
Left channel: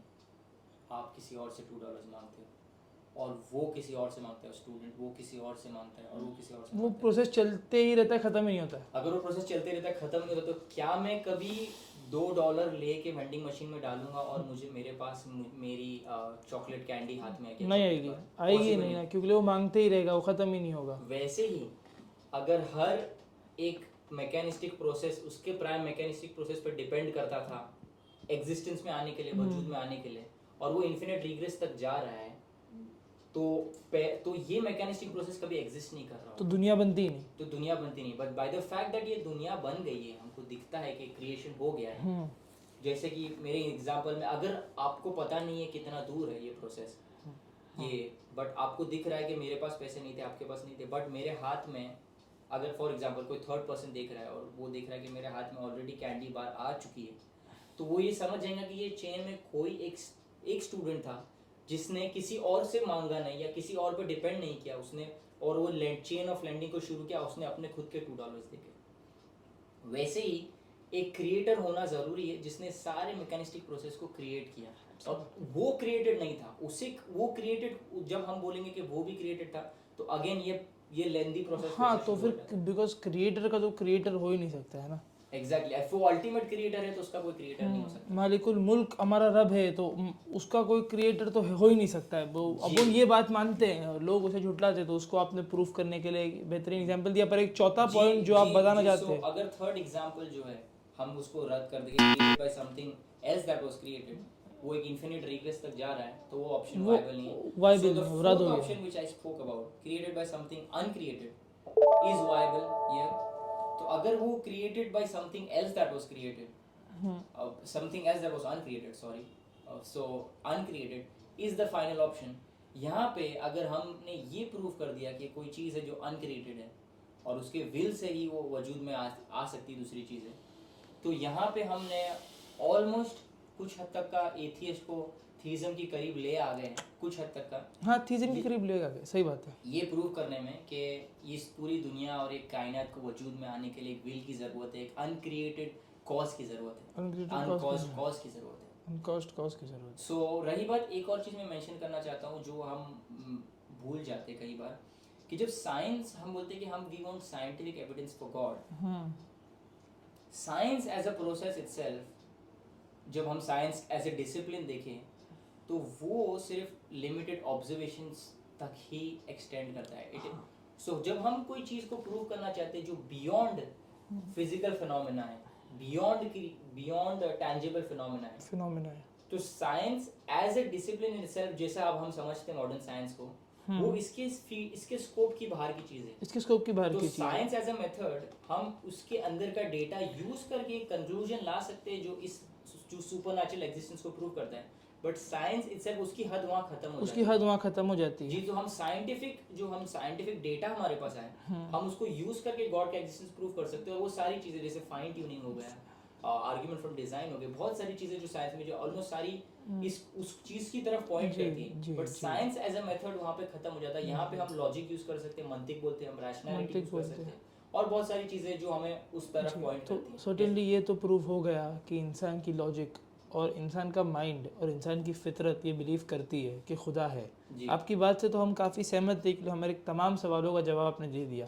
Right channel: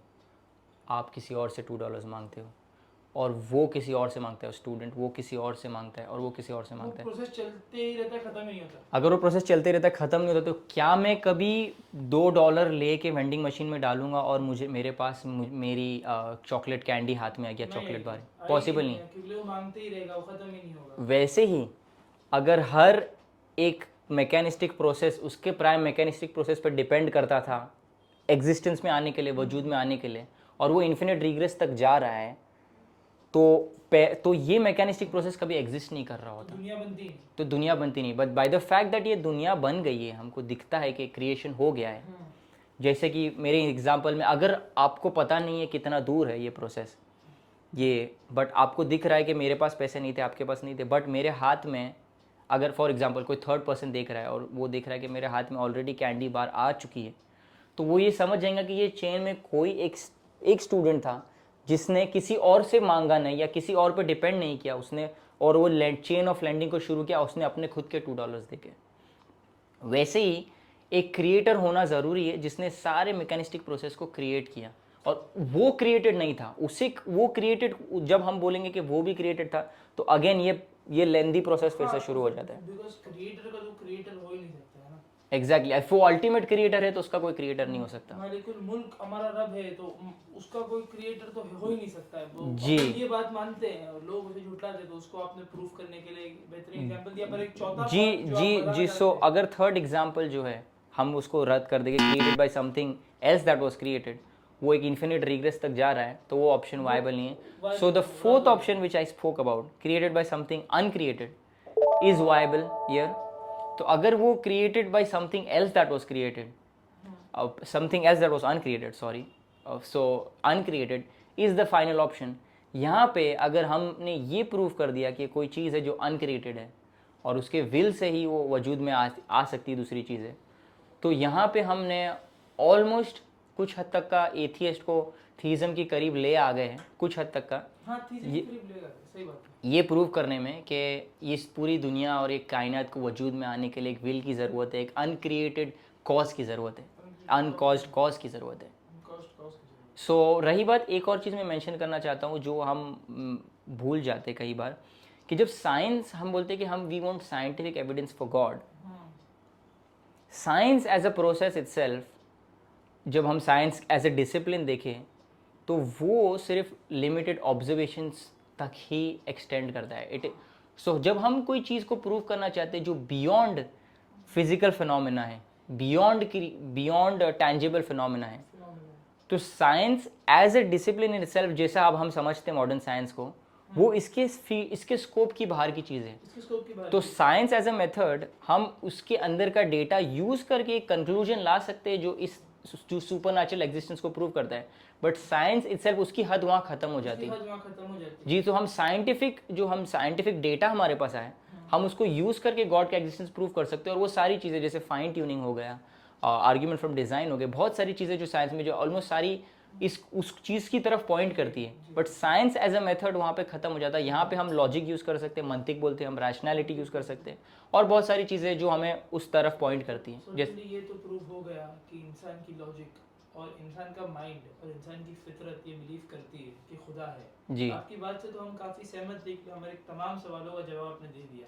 आप किसी और से $2 मांगते हो और वो किसी और से मांगता है, स्टूडेंट वो किसी और से मांगता है और वो किसी और से वो मांगता है। प्रोसेस चलते ही रहता है, खत्म ही नहीं होता। अगर वो प्रोसेस चलते रहता है, ख़त्म नहीं होता, तो क्या मैं कभी $2 ले के वेंडिंग मशीन में डालूंगा और मेरे पास मेरी चॉकलेट कैंडी हाथ में आ गया, नहीं चॉकलेट आएगी, बार? आएगी पॉसिबल नहीं नहीं। है, क्योंकि वो मांगते ही रहेगा, वो खत्म ही नहीं होगा। वैसे ही अगर हर एक मैकेनिस्टिक प्रोसेस उसके प्राइम मैकेनिस्टिक प्रोसेस पर डिपेंड करता था एग्जिस्टेंस में आने के लिए, वजूद में आने के लिए, और वो इन्फिनिट रिग्रेस तक जा रहा है, तो ये मैकेनिस्टिक प्रोसेस कभी एग्जिस्ट नहीं कर रहा तो होता, दुनिया बनती ही नहीं। तो दुनिया बनती नहीं। But by the fact that ये दुनिया बन गई है, हमको दिखता है कि क्रिएशन हो गया है। जैसे कि मेरे एग्जांपल में, अगर आपको पता नहीं है कितना दूर है ये प्रोसेस, ये बट आपको दिख रहा है कि मेरे पास पैसे नहीं थे, आपके पास नहीं थे, बट मेरे हाथ में अगर फॉर एग्जांपल कोई थर्ड पर्सन देख रहा है और वो देख रहा है कि मेरे हाथ में ऑलरेडी कैंडी बार आ चुकी है, तो वो ये समझ जाएगा कि ये चेन में कोई एक स्टूडेंट था जिसने किसी और से मांगा नहीं या किसी और पे डिपेंड नहीं किया उसने, और वो चेन ऑफ लैंडिंग को शुरू किया उसने अपने खुद के $2 देके। वैसे ही एक क्रिएटर होना ज़रूरी है जिसने सारे मैकेनिस्टिक प्रोसेस को क्रिएट किया, और वो क्रिएटेड नहीं था, उसे वो क्रिएटेड, जब हम बोलेंगे कि वो भी क्रिएटेड था तो अगेन ये लेंदी प्रोसेस फिर से शुरू हो जाता है। बिकॉज क्रिएटर का तो क्रिएटर हो ही नहीं सकता है ना। एग्जैक्टली वो अल्टीमेट क्रिएटर है तो उसका कोई क्रिएटर नहीं हो सकता। मालिकुल मुल्क हमारा रब है, तो उसका कोई क्रिएटर तो हो ही नहीं सकता है। वो अब वो ये बात मानते हैं और लोग उसे झुटलाते हैं, तो उसको आपने प्रूफ करने के लिए एक बेहतरीन एग्जांपल दिया। पर एक चौथा पॉइंट जो आप बताना चाहते सो हैं, अगर थर्ड एग्जांपल जो है हम उसको रद्द कर देंगे, created by something else that was created, वो एक इन्फिनिट रिग्रेस तक जा रहा है, तो वो ऑप्शन वायबल नहीं है। So the fourth option which I spoke about, created by something uncreated, is viable here. तो अगर वो created by something else that was created, something else that was uncreated, sorry, so uncreated is the final option. यहाँ पे अगर हमने ये prove कर दिया कि कोई चीज़ है जो अनक्रिएटेड है और उसके विल से ही वो वजूद में आ सकती है दूसरी चीज़ें, तो यहाँ पे हमने ऑलमोस्ट कुछ हद तक का एथियस्ट को थीज़म के करीब ले आ गए हैं, कुछ हद तक का। हाँ, थीज़म के करीब लेगा, सही बात है। ये प्रूव करने में कि इस पूरी दुनिया और एक कायनात को वजूद में आने के लिए एक विल की ज़रूरत है, एक अनक्रिएटेड कॉज की ज़रूरत है, अनकॉज्ड कॉज की ज़रूरत है। कॉज की ज़रूरत। सो रही बात, एक और चीज़ मैं मेंशन करना चाहता हूँ जो हम भूल जाते कई बार, कि जब साइंस हम बोलते हैं कि हम we want scientific evidence for God, science as a process itself, जब हम साइंस एज ए डिसिप्लिन देखें तो वो सिर्फ लिमिटेड ऑब्जर्वेशंस तक ही एक्सटेंड करता है। सो जब हम कोई चीज़ को प्रूव करना चाहते हैं जो बियॉन्ड फिजिकल फिनोमेना है, बियॉन्ड टैंजिबल फिनोमेना है, तो science as a discipline in itself, जैसा अब हम समझते हैं मॉडर्न साइंस को, वो इसके स्कोप की बाहर की चीज़ है, इसके स्कोप की बाहर। तो साइंस एज अ मेथड हम उसके अंदर का डेटा यूज करके एक कंक्लूजन ला सकते हैं जो सुपरनैचुरल एग्जिस्टेंस को प्रूव करता है, बट साइंस इटसेल्फ उसकी हद वहाँ खत्म हो जाती है। जी, तो हम साइंटिफिक डेटा हमारे पास आए, हम उसको यूज करके गॉड का एग्जिस्टेंस प्रूव कर सकते हैं, और वो सारी चीज़ें जैसे फाइन ट्यूनिंग हो गया, आर्ग्यूमेंट फ्रॉम डिजाइन हो गए, बहुत सारी चीज़ें जो साइंस में जो ऑलमोस्ट सारी उस चीज़ की तरफ पॉइंट करती है, but science as a method वहाँ पे खत्म हो जाता है। यहाँ पे हम लॉजिक यूज़ कर सकते हैं, मंतिक बोलते हैं हम, रैशनैलिटी यूज़ कर सकते हैं, और बहुत सारी चीज़ें जो हमें उस तरफ पॉइंट करती हैं। सर्टेनली ये तो प्रूव हो गया कि इंसान की लॉजिक और इंसान का माइंड और इंसान की फितरत ये बिलीव करती है कि खुदा है। जी, आपकी बात से तो हम काफ़ी सहमत थे, कि हमारे तमाम सवालों का जवाब आपने दे दिया।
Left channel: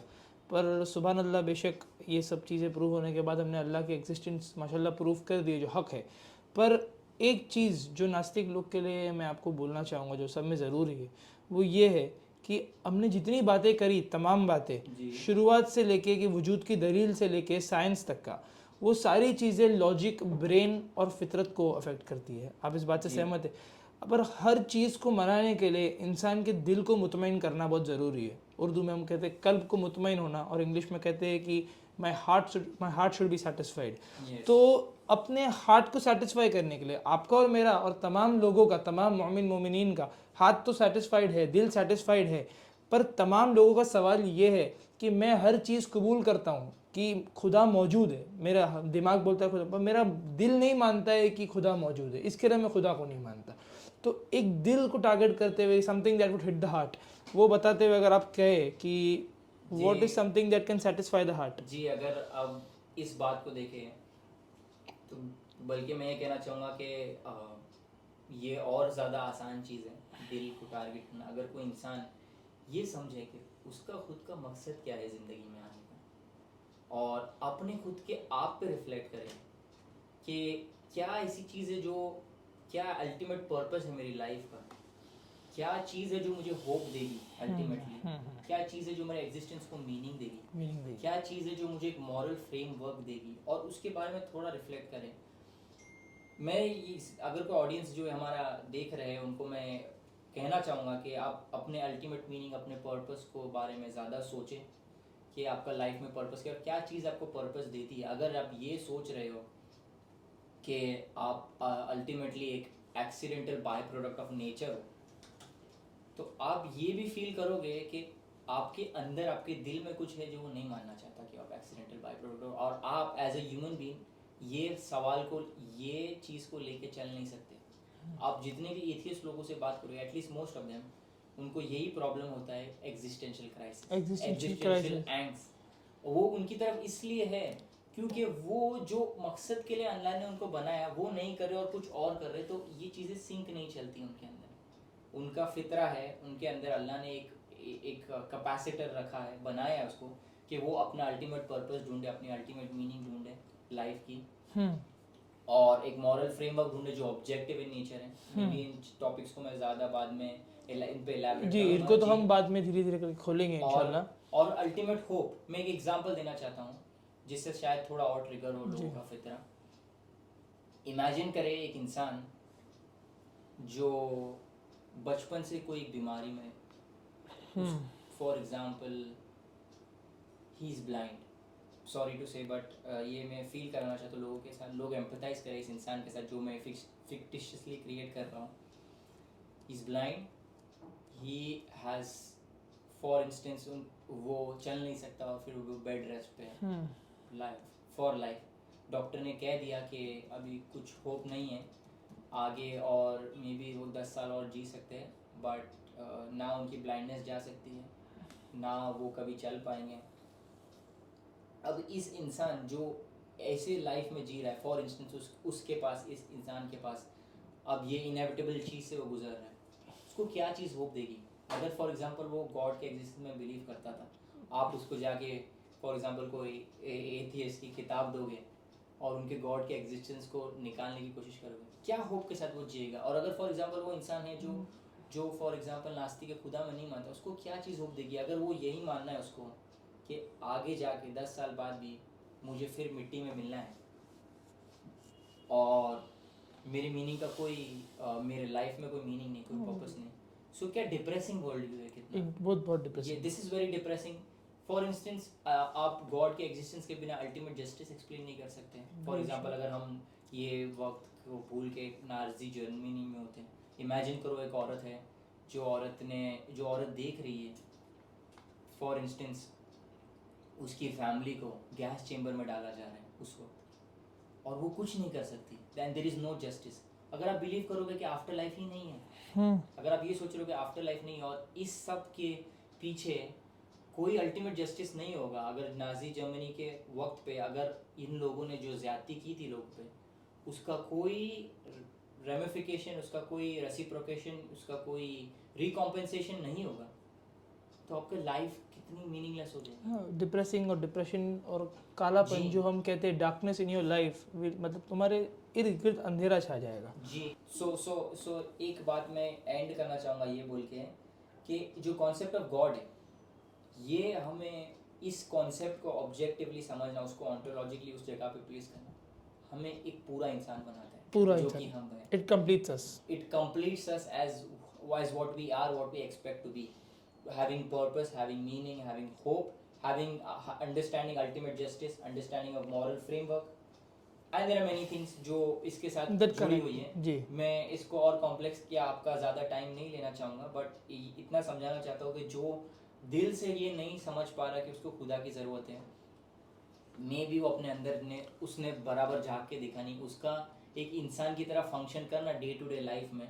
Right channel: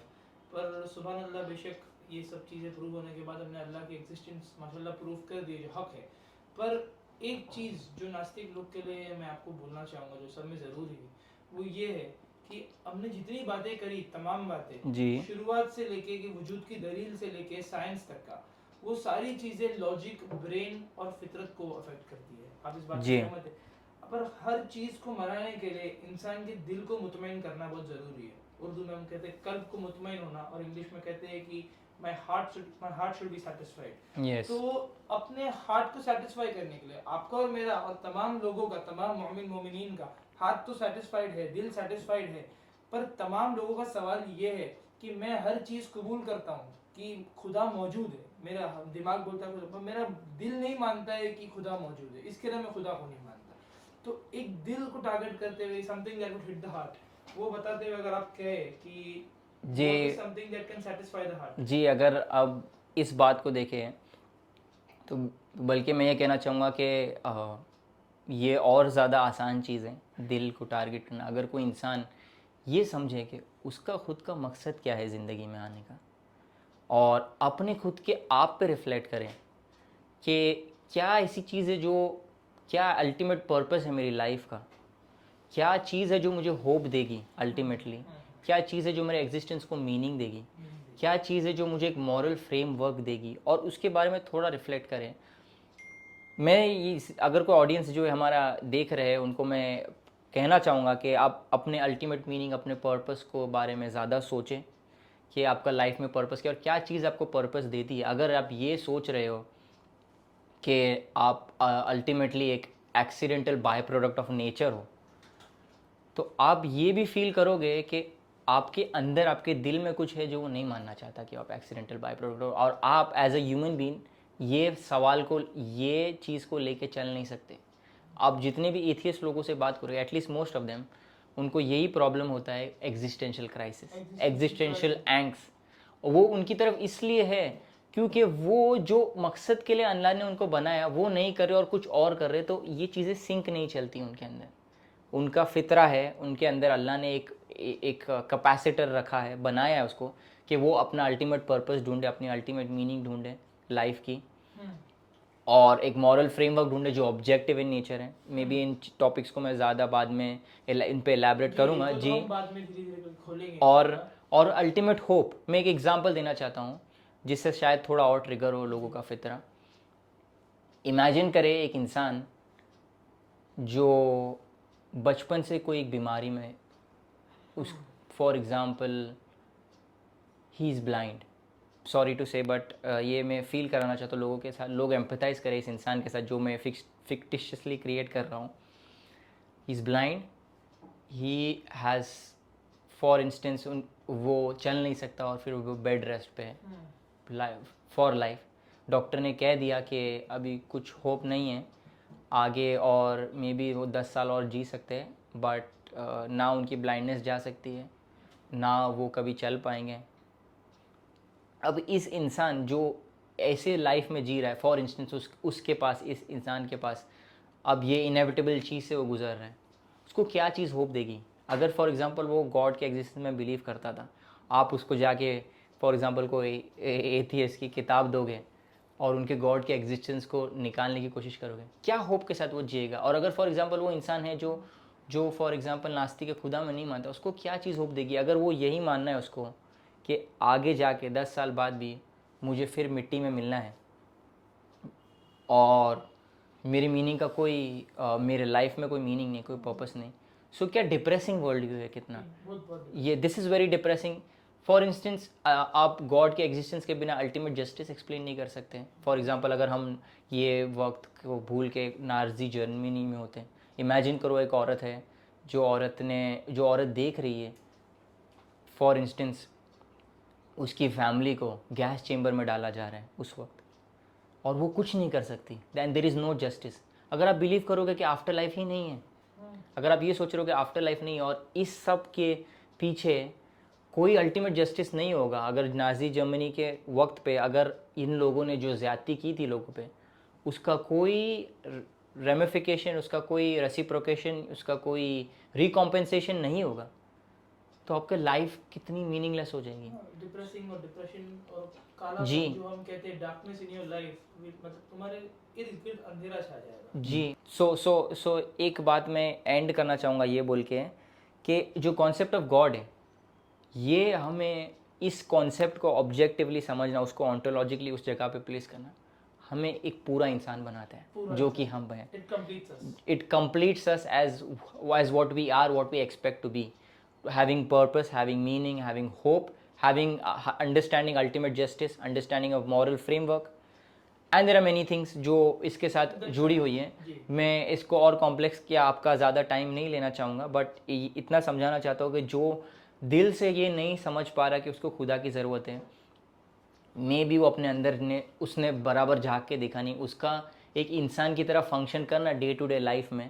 पर सुभान अल्लाह, बेशक ये सब चीज़ें प्रूव होने के बाद हमने अल्लाह की एग्जिस्टेंस माशाल्लाह प्रूव कर दी, जो हक़ है। पर एक चीज़ जो नास्तिक लोग के लिए मैं आपको बोलना चाहूँगा, जो सब में ज़रूरी है, वो ये है कि हमने जितनी बातें करी, तमाम बातें शुरुआत से लेके कि वजूद की दलील से लेके साइंस तक का, वो सारी चीज़ें लॉजिक, ब्रेन और फितरत को अफेक्ट करती है। आप इस बात से सहमत है? पर हर चीज़ को मनाने के लिए इंसान के दिल को मुतमईन करना बहुत ज़रूरी है। उर्दू में हम कहते हैं कल्ब को मुतमईन होना, और इंग्लिश में कहते हैं कि my heart should be satisfied. तो अपने हार्ट को सेटिस्फाई करने के लिए आपका और मेरा और तमाम लोगों का, तमाम मोमिन मोमिनीन का हार्ट तो सेटिस्फाइड है, दिल सेटिस्फाइड है, पर तमाम लोगों का सवाल ये है कि मैं हर चीज़ कबूल करता हूँ कि खुदा मौजूद है, मेरा दिमाग बोलता है खुदा, पर मेरा दिल नहीं मानता है कि खुदा मौजूद है, इसके लिए मैं खुदा को नहीं मानता। तो एक दिल को टारगेट करते हुए, something that would hit the heart, वो बताते हुए अगर आप कहे कि व्हाट इज जी something that can satisfy the heart. जी, अगर अब इस बात को देखें तो बल्कि मैं ये कहना चाहूँगा कि ये और ज़्यादा आसान चीज़ है दिल को टारगेट करना। अगर कोई इंसान ये समझे कि उसका खुद का मकसद क्या है ज़िंदगी में आने का, और अपने खुद के आप पे रिफ्लेक्ट करें कि क्या ऐसी चीज़ है जो, क्या अल्टीमेट पर्पस है मेरी लाइफ का, क्या चीज़ है जो मुझे होप देगी अल्टीमेटली, क्या चीज़ है जो मेरे एग्जिस्टेंस को मीनिंग देगी, क्या चीज़ है जो मुझे एक मॉरल फ्रेमवर्क देगी, और उसके बारे में थोड़ा रिफ्लेक्ट करें। मैं ये, अगर कोई ऑडियंस जो है हमारा देख रहे हैं, उनको मैं कहना चाहूँगा कि आप अपने अल्टीमेट मीनिंग, अपने पर्पस को बारे में ज़्यादा सोचें कि आपका लाइफ में पर्पस क्या, और क्या चीज़ आपको पर्पस देती है। अगर आप ये सोच रहे हो कि आप अल्टीमेटली एक accidental by product of nature हो, तो आप ये भी फील करोगे कि आपके अंदर, आपके दिल में कुछ है जो वो नहीं मानना चाहता कि आप एक्सीडेंटल बाय प्रोडक्ट हो, और आप एज अ ह्यूमन बीइंग ये सवाल को, ये चीज़ को लेके चल नहीं सकते। आप जितने भी एथियस्ट लोगों से बात करोगे, एटलीस्ट मोस्ट ऑफ देम, उनको यही प्रॉब्लम होता है, एग्जिस्टेंशियल क्राइसिस, एग्जिस्टेंशियल एंग्स। वो उनकी तरफ इसलिए है क्योंकि वो जो मकसद के लिए अल्लाह ने उनको बनाया वो नहीं कर रहे और कुछ और कर रहे, तो ये चीज़ें सिंक नहीं चलती उनके अंदर। उनका फितरा है, उनके अंदर अल्लाह ने एक कैपेसिटर रखा है, बनाया है उसको कि वो अपना अल्टीमेट पर्पस ढूंढे, अपनी अल्टीमेट मीनिंग ढूंढे लाइफ की, और एक मॉरल फ्रेमवर्क ढूंढे जो ऑब्जेक्टिव इन नेचर है। मे बी इन टॉपिक्स को मैं ज़्यादा बाद में इन पे एलैबोरेट जी, करूँगा इनको तो जी। हम बाद में धीरे धीरे खोलेंगे और इंशाल्लाह। और अल्टीमेट होप, मैं एक एग्जांपल देना चाहता हूँ जिससे शायद थोड़ा और ट्रिगर हो लोगों का फितरा। इमेजिन करें एक इंसान जो बचपन से कोई एक बीमारी में, उस, for example he is blind, sorry to say but ये मैं फील कराना चाहता हूँ लोगों के साथ, लोग एम्पथाइज करें इस इंसान के साथ जो मैं फिक्टिशियसली क्रिएट कर रहा हूँ। ही is blind, he has, for instance, वो चल नहीं सकता और फिर वो बेड रेस्ट पे है लाइफ, फॉर लाइफ। डॉक्टर ने कह दिया कि अभी कुछ होप नहीं है आगे, और मे बी वो 10 साल और जी सकते हैं, बट ना उनकी ब्लाइंडनेस जा सकती है, ना वो कभी चल पाएंगे। अब इस इंसान जो ऐसे लाइफ में जी रहा है, फॉर इंस्टेंस उसके पास, इस इंसान के पास अब ये इनएविटेबल चीज़ से वो गुजर रहा है, उसको क्या चीज़ होप देगी? अगर फॉर एग्जांपल वो गॉड के एग्जिस्टेंस में बिलीव करता था, आप उसको जाके फॉर एग्जांपल कोई एथियस्ट की किताब दोगे और उनके गॉड के एग्जिस्टेंस को निकालने की कोशिश करोगे, क्या होप के साथ वो जिएगा? और अगर फॉर एग्जांपल वो इंसान है जो जो फॉर एग्जांपल नास्तिक के खुदा में नहीं मानता, उसको क्या चीज़ होप देगी? अगर वो यही मानना है उसको कि आगे जाके 10 साल बाद भी मुझे फिर मिट्टी में मिलना है और मेरी मीनिंग का कोई मेरे लाइफ में कोई मीनिंग नहीं, कोई पर्पस नहीं, सो क्या डिप्रेसिंग वर्ल्ड व्यू है कितना। बहुत ये this is very depressing. For instance आप गॉड के एग्जिस्टेंस के बिना अल्टीमेट जस्टिस एक्सप्लेन नहीं कर सकते। फॉर एग्जांपल अगर हम ये वक्त को भूल के नाजी जर्मनी में होते हैं, इमेजिन करो एक औरत है, जो औरत देख रही है फॉर इंस्टेंस उसकी फैमिली को गैस चेंबर में डाला जा रहा है उस वक्त, और वो कुछ नहीं कर सकती, then there is no justice. अगर आप बिलीव करोगे कि आफ्टर लाइफ ही नहीं है, अगर आप ये सोच रहे हो कि आफ्टर लाइफ नहीं है और इस सब के पीछे कोई अल्टीमेट जस्टिस नहीं होगा, अगर नाजी जर्मनी के वक्त पे अगर इन लोगों ने जो ज़्यादती की थी लोगों पे, उसका कोई रेमिफिकेशन, उसका कोई रेसिप्रोकेशन, उसका कोई रिकॉम्पेंसेशन नहीं होगा, तो आपका लाइफ कितनी मीनिंगलेस हो जाएगी। डिप्रेसिंग और डिप्रेशन और कालापन जो हम कहते हैं, डार्कनेस इन योर लाइफ, मतलब तुम्हारे इर्द गिर्द अंधेरा छा जाएगा। जी, सो एक बात मैं एंड करना चाहूँगा ये बोल के कि जो कॉन्सेप्ट ऑफ गॉड है, ये हमें इस कॉन्सेप्ट को ऑब्जेक्टिवली समझना, उसको ऑन्टोलॉजिकली उस जगह पे प्लेस करना, हमें एक पूरा इंसान बनाता है, पूरा जो इंसान। कि हम हैं। It completes us. It completes us as what we are, what we expect to be, having purpose, having meaning, having hope, having understanding ultimate justice, understanding of moral framework, and there are many things जो इसके साथ That जुड़ी हुई हैं. जी मैं इसको और complex किया आपका ज़्यादा टाइम नहीं लेना चाहूँगा, बट इतना समझाना चाहता हूँ कि जो दिल से ये नहीं समझ पा रहा कि उसको खुदा की ज़रूरत है, मे भी वो अपने अंदर ने उसने बराबर झाँक के देखा नहीं, उसका एक इंसान की तरह फंक्शन करना डे टू डे लाइफ में,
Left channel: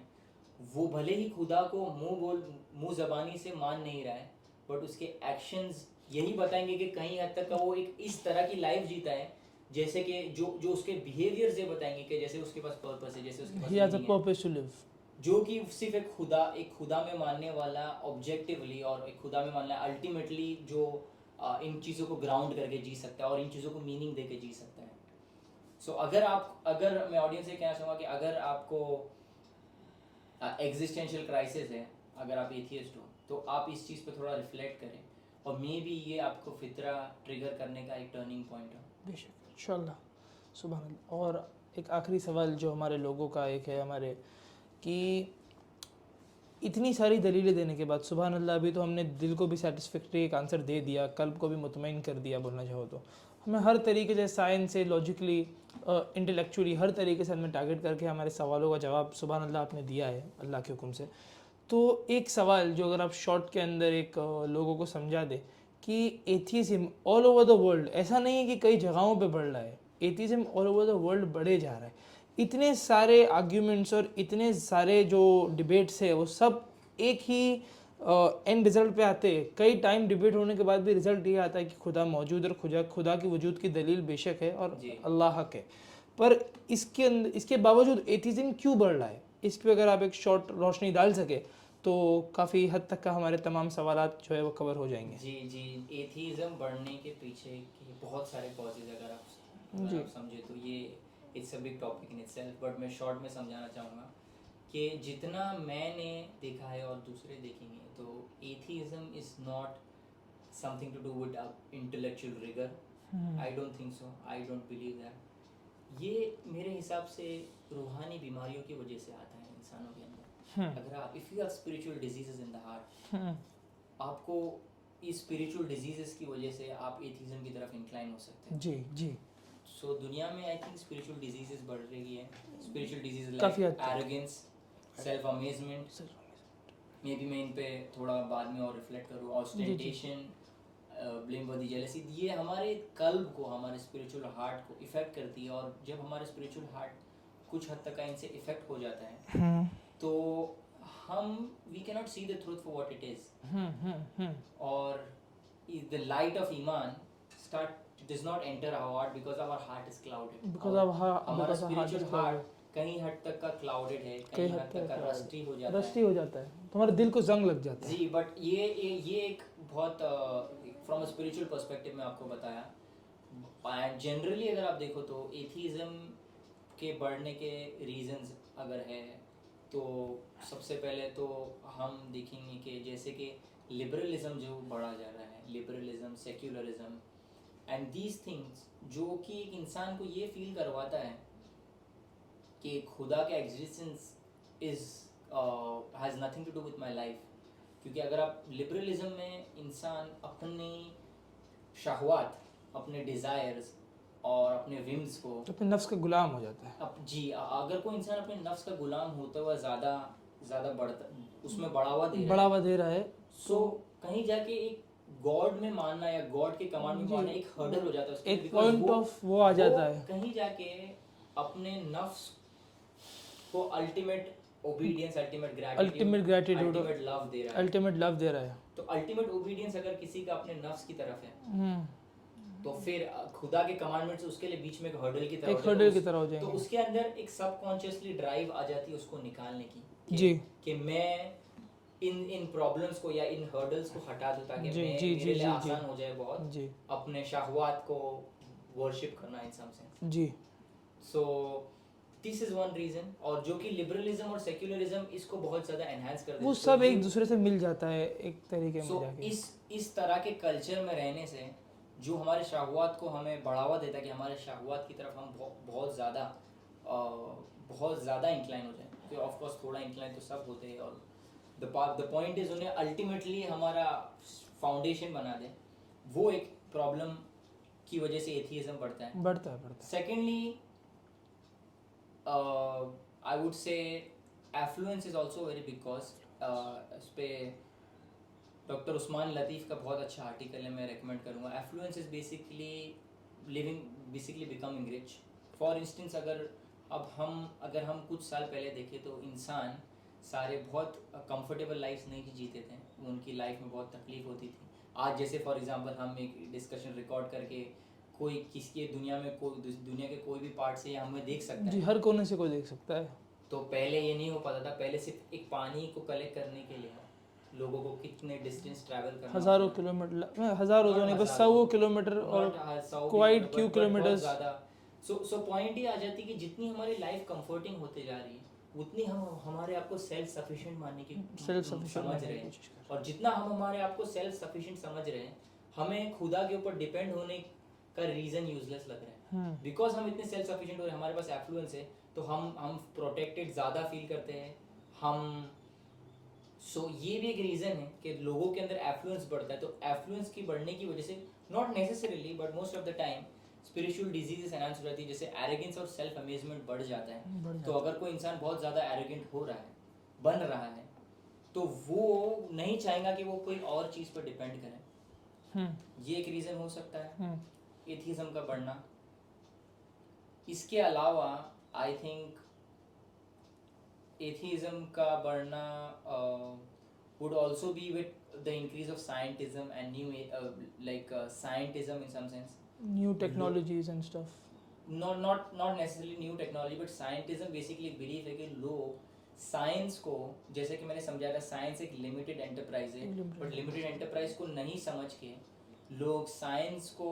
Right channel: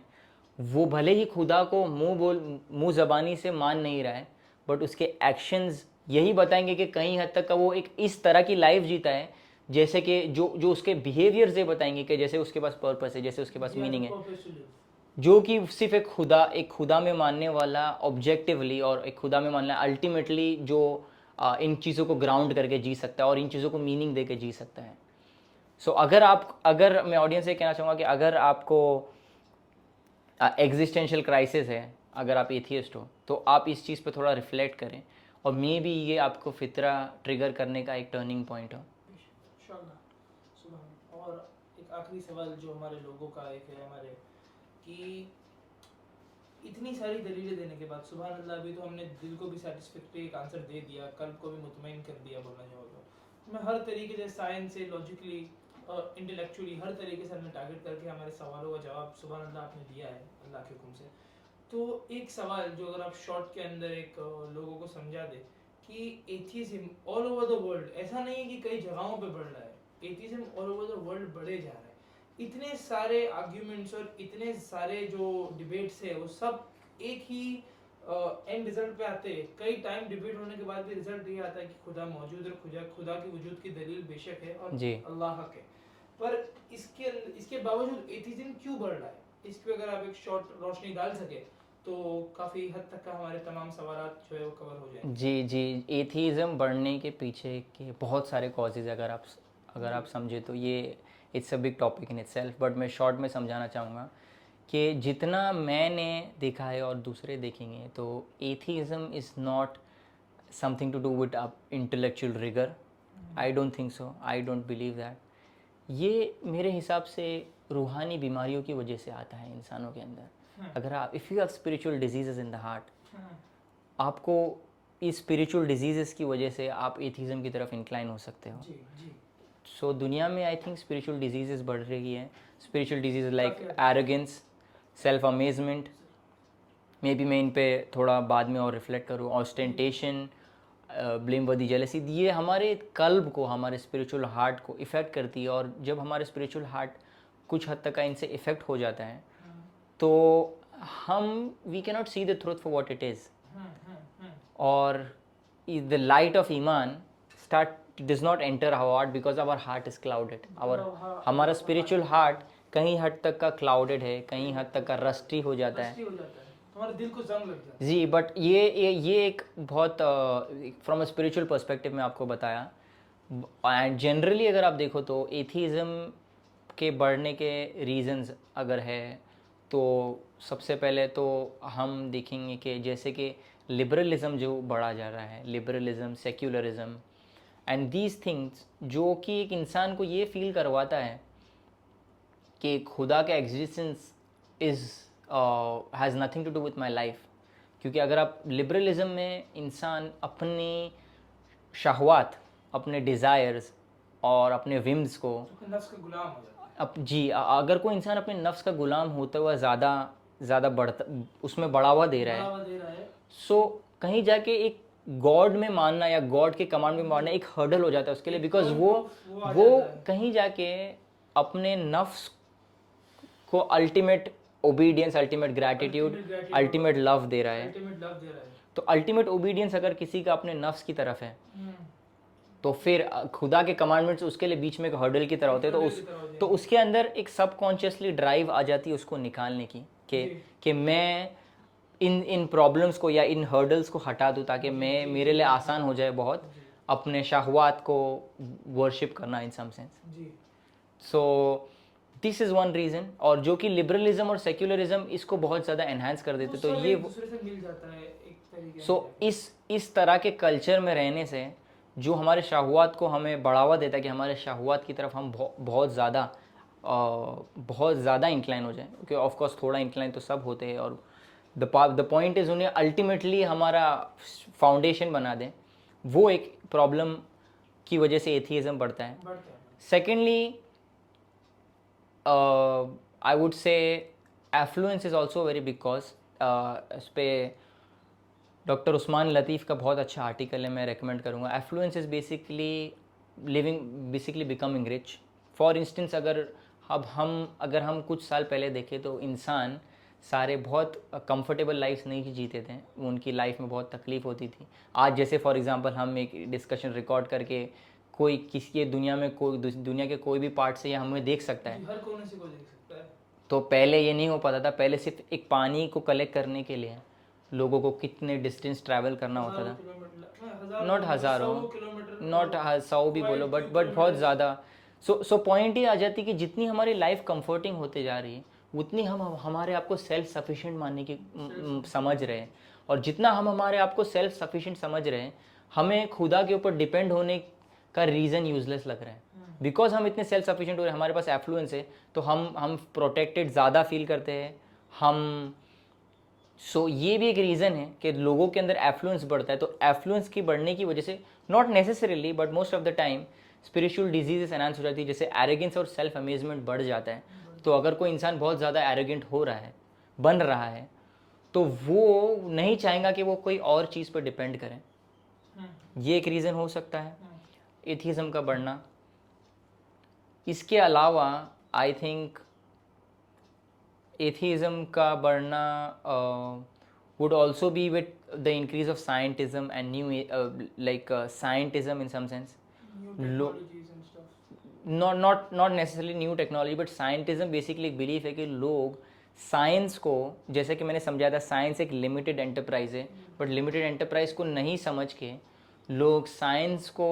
वो भले ही खुदा को मुंह ज़बानी से मान नहीं रहा है, बट उसके एक्शंस यही बताएंगे कि कहीं हद तक का वो एक इस तरह की लाइफ जीता है जैसे कि जो जो उसके बिहेवियर्स ये बताएंगे कि जैसे उसके पास पर्पस है, जैसे उसके पास he has a मीनिंग है, purpose to live. जो कि सिर्फ एक खुदा में मानने वाला ऑब्जेक्टिवली और एक खुदा में मानना अल्टीमेटली जो इन चीज़ों को ग्राउंड करके जी सकता है और इन चीज़ों को मीनिंग दे के जी सकता है. सो अगर मैं ऑडियंस से कहना चाहूँगा कि अगर आपको एग्जिस्टेंशियल क्राइसिस है, अगर आप एथियस्ट हो, तो आप इस चीज़ पे थोड़ा रिफ्लेक्ट करें और मे बी ये आपको फितरा ट्रिगर करने का एक टर्निंग पॉइंट हो. बेशक इंशाल्लाह. सुबह अल्लाह. और एक आखिरी सवाल जो हमारे लोगों का एक है हमारे कि इतनी सारी दलीलें देने के बाद सुबहान अल्लाह, अभी तो हमने दिल को भी सेटिस्फैक्ट्री एक आंसर दे दिया, कल्ब को भी मुतमईन कर दिया बोलना चाहो तो. हमें हर तरीके से साइंस से लॉजिकली इंटेलेक्चुअली हर तरीके से हमें टारगेट करके हमारे सवालों का जवाब सुबहान अल्लाह आपने दिया है अल्लाह के हुक्म से. तो एक सवाल जो अगर आप शॉर्ट के अंदर एक लोगों को समझा दे कि atheism all over the world, ऐसा नहीं है कि कई जगहों पे बढ़ रहा है, atheism all over the world बढ़े जा रहा है. इतने सारे आर्ग्यूमेंट्स और इतने सारे जो डिबेट्स है वो सब एक ही एंड रिजल्ट पे आते हैं. कई टाइम डिबेट होने के बाद भी रिजल्ट ये आता है कि खुदा मौजूद और खुदा की वजूद की दलील बेशक है और जी. अल्लाह हक है. पर इसके बावजूद एथियज्म क्यों बढ़ रहा है, इस पे अगर आप एक शॉर्ट रोशनी डाल सके तो काफ़ी हद तक का हमारे तमाम सवालात जो है वो कवर हो जाएंगे. जी जी. एथीज़म बढ़ने के पीछे के बहुत सारे कॉजेज़ अगर आप समझे तो ये it's a big topic in itself, but मैं शॉर्ट में समझाना चाहूँगा कि जितना मैंने देखा है और दूसरे देखेंगे तो atheism is not something to do with intellectual rigour. I don't think so, I don't believe that. ये मेरे हिसाब से रूहानी बीमारियों की वजह से आता है इंसानों के अंदर. अगर आप if you have spiritual diseases in the heart, आपको इस स्पिरिचुअल डिजीजेस की वजह से आप एथिज्म की तरफ इंक्लाइन हो सकते हो. जी जी. सो दुनिया में आई थिंक स्पिरिचुअल डिजीजेस बढ़ रही है. Spiritual disease like arrogance, self amazement, may be मैं इन पे थोड़ा बाद में और रिफ्लेक्ट करूँ. ऑस्टेंटेशन, ब्लेमवर्दी जेलसी, ये हमारे कल्ब को, हमारे स्पिरिचुअल हार्ट को इफ़ेक्ट करती है. और जब हमारे स्पिरिचुअल हार्ट कुछ हद तक का इनसे इफ़ेक्ट हो जाता है तो हम we can not see the truth for what it is. और द लाइट ऑफ ईमान does not enter our heart because our heart is clouded. हमारा स्पिरिचुअल हार्ट कहीं हद तक का क्लाउडेड है, कहीं हद तक का रस्टी हो जाता है. तुम्हारे दिल को जंग लग जाता है. जी. बट ये एक बहुत फ्रॉम अ स्पिरिचुअल पर्सपेक्टिव में आपको बताया. एंड जनरली अगर आप देखो तो एथीज़म के बढ़ने के रीजंस अगर है तो सबसे पहले तो हम देखेंगे कि जैसे कि लिबरलिज्म जो बढ़ा जा रहा है, liberalism, secularism and these things, जो कि एक इंसान को ये फील करवाता है कि खुदा का existence has nothing to do with my life. क्योंकि अगर आप लिबरलिज्म में इंसान अपनी शहवात, अपने डिज़ायर्स और अपने विम्स को, अपने नफ्स का गुलाम हो जाता है. अब जी, अगर कोई इंसान अपने नफ्स का गुलाम होता हुआ ज़्यादा बढ़ता, उसमें बढ़ावा दे रहा है, सो कहीं जाके एक गॉड में मानना या गॉड के कमांड में मानना एक हर्डल हो जाता है उसके लिए. बिकॉज वो कहीं जाके अपने नफ्स को ultimate obedience, ultimate gratitude, ultimate love दे रहा है. तो अल्टीमेट ओबीडियंस अगर किसी का अपने नफ्स की तरफ है तो फिर खुदा के कमांडमेंट्स उसके लिए बीच में एक हर्डल की तरह होते हैं. तो उसके अंदर एक सबकॉन्शियसली ड्राइव आ जाती है उसको निकालने की कि मैं इन प्रॉब्लम्स को या इन हर्डल्स को हटा दूं ताकि मेरे लिए आसान हो जाए बहुत अपने शहवात को वर्शिप करना इन सम सेंस. जी. So this is one reason. और जो कि लिबरलिज्म और सेक्युलरिज्म इसको बहुत ज़्यादा एनहांस कर देते हैं. तो ये एक दूसरे से मिल जाता है एक तरीके. सो इस तरह के कल्चर में रहने से जो हमारे शहवात को हमें बढ़ावा देता है कि हमारे शहवात की तरफ हम बहुत ज़्यादा इंक्लाइन हो जाए. क्योंकि ऑफकोर्स थोड़ा इंक्लाइन तो सब होते हैं. और द पॉइंट इज़ उन्हें अल्टीमेटली हमारा फाउंडेशन बना दें. वो एक प्रॉब्लम की वजह से एथियज्म बढ़ता है. बढ़ता है. Secondly I would say affluence is also very big cause. इस पे डॉक्टर उस्मान लतीफ़ का बहुत अच्छा आर्टिकल है, मैं रेकमेंड करूँगा। Affluence is basically becoming rich. For instance अगर हम कुछ साल पहले देखें तो इंसान सारे बहुत कंफर्टेबल लाइफ नहीं जीते थे, उनकी लाइफ में बहुत तकलीफ होती थी। आज जैसे फॉर एग्जांपल हम एक डिस्कशन रिकॉर्ड करके कोई किसी के दुनिया के कोई भी पार्ट से ये हमें देख सकता जी, है। हर कोने से कोई देख सकता है। तो पहले ये नहीं हो पाता था। पहले सिर्फ एक पानी को कलेक्ट करने के लिए लोगों को कितने डिस्टेंस ट्रैवल करना होता हज़ारों था। किलोमीटर, हज़ारों नॉट नहीं, बस हज़ारों, 100 किलोमीटर, नॉट और 100 भी बोलो, क्वाइट फ्यू बट बहुत किलोमीटर्स। ज़्यादा। सो पॉइंट ये आ जाती कि जितनी हमारी लाइफ कंफर्टिंग होते जा रही है उतनी हम हमारे आप को सेल्फ सफिशिएंट मानने की सेल्फ सफिशिएंट समझ रहे हैं। और जितना हम हमारे आप को सेल्फ सफिशिएंट समझ रहे हैं, हमें खुदा के ऊपर डिपेंड होने का रीज़न यूजलेस लग रहा है। बिकॉज हम इतने सेल्फ सफिशिएंट हो रहे हैं, हमारे पास एफ्लुएंस है, तो हम प्रोटेक्टेड ज़्यादा फील करते हैं हम। ये भी एक रीज़न है कि लोगों के अंदर एफ्लुएंस बढ़ता है। तो एफ्लुएंस की बढ़ने की वजह से not necessarily but most of the time spiritual diseases enhance हो जाती है, जैसे एरोगेंस और सेल्फ अमेजमेंट बढ़ जाता है। तो अगर कोई इंसान बहुत ज़्यादा एरोगेंट हो रहा है, बन रहा है, तो वो नहीं चाहेगा कि वो कोई और चीज़ पर डिपेंड करें। ये एक रीज़न हो सकता है एथिज्म का बढ़ना। इसके अलावा आई थिंक एथिज्म का बढ़ना would also be with the increase of scientism and scientism in some sense. New technologies and stuff. Not necessarily new technology, but scientism basically एक बिलीफ है कि लोग साइंस को, जैसे कि मैंने समझाया था, साइंस एक लिमिटेड एंटरप्राइज है, बट लिमिटेड एंटरप्राइज को नहीं समझ के लोग साइंस को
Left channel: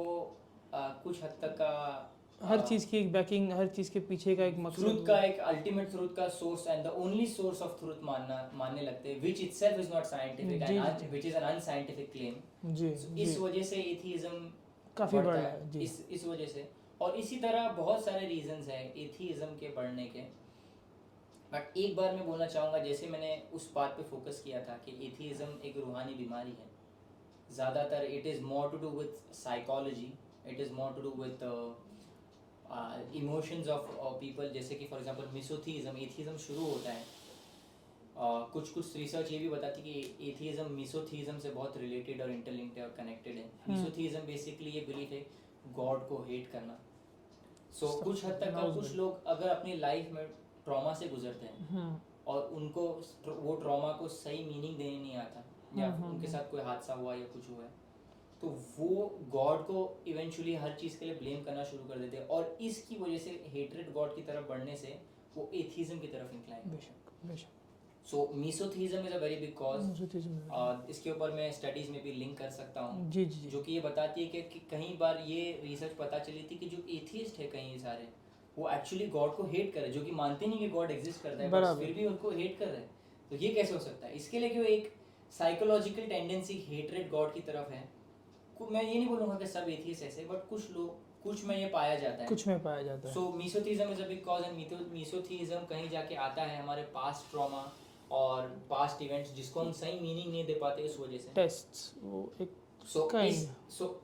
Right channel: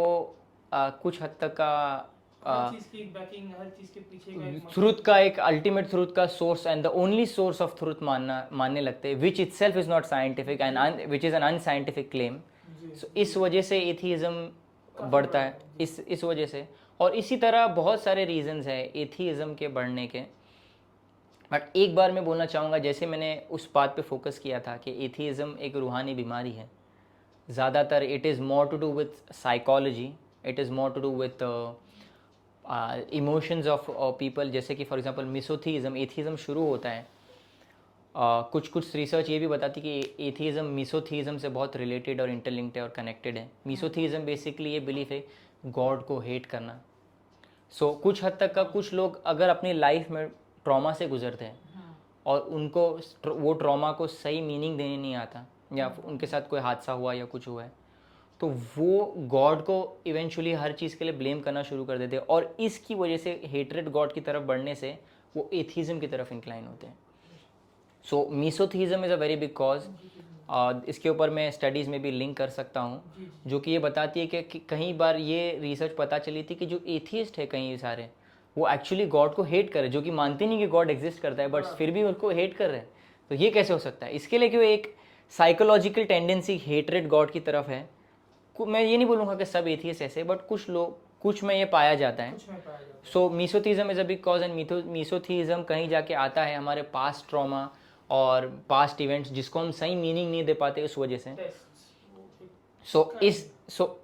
कुछ हद तक का हर चीज़ की एक बैकिंग, हर चीज़ के पीछे का एक मकसद, ट्रूथ का एक अल्टीमेट ट्रूथ का source and the only source of truth मानने लगते हैं, which itself is not scientific and which is an unscientific claim. जी, इस वजह से एथिज्म काफ़ी बढ़ता बड़ा है, जी। इस वजह से। और इसी तरह बहुत सारे रीजंस है एथिज्म के बढ़ने के। बट एक बार मैं बोलना चाहूँगा, जैसे मैंने उस बात पे फोकस किया था कि एथिज्म एक रूहानी बीमारी है। ज़्यादातर it is more to do with psychology, it is more to do with emotions of people. जैसे कि फॉर एग्जांपल मिसोथीज़म, एथिज्म शुरू होता है, कुछ रिसर्च ये भी बताती है कि एथिज्म मिसोथीज़म से बहुत रिलेटेड और इंटरलिंक्ड है और कनेक्टेड है। मिसोथीज़म बेसिकली ये बिलीफ है गॉड को हेट करना। कुछ हद तक का कुछ लोग अगर अपनी लाइफ में ट्रॉमा से गुजरते हैं और उनको वो ट्रॉमा को सही मीनिंग देने नहीं आता, या उनके साथ कोई हादसा हुआ या कुछ हुआ है, तो वो गॉड को इवेंचुअली हर चीज़ के लिए ब्लेम करना शुरू कर देते हैं। और इसकी वजह से हेटरेड गॉड की तरफ बढ़ने से वो एथिज्म की तरफ इंक्लाइन होते हैं। So misotheism is a very big cause. इसके ऊपर मैं स्टडीज़ में भी लिंक कर सकता हूँ, जी, जी, जो कि ये बताती है कि कई बार ये रिसर्च पता चली थी कि जो एथियस्ट है कई सारे, वो एक्चुअली गॉड को हेट कर रहे, जो कि मानते नहीं कि गॉड एग्जिस्ट करता है, बट फिर भी उनको हेट कर रहे हैं। तो ये कैसे हो सकता है? इसके लिए क्यों एक साइकोलॉजिकल टेंडेंसी हेटरेड गॉड की तरफ है। मैं ये नहीं बोलूँगा कि सब एथियस्ट ऐसे, बट कुछ में ये पाया जाता है। कुछ में पाया जाता है। So misotheism is a big cause and misotheism कहीं जाके आता है हमारे पास्ट ट्रॉमा और पास्ट इवेंट्स जिसको हम सही मीनिंग नहीं दे पाते उस वजह से। टेस्ट्स, वो एक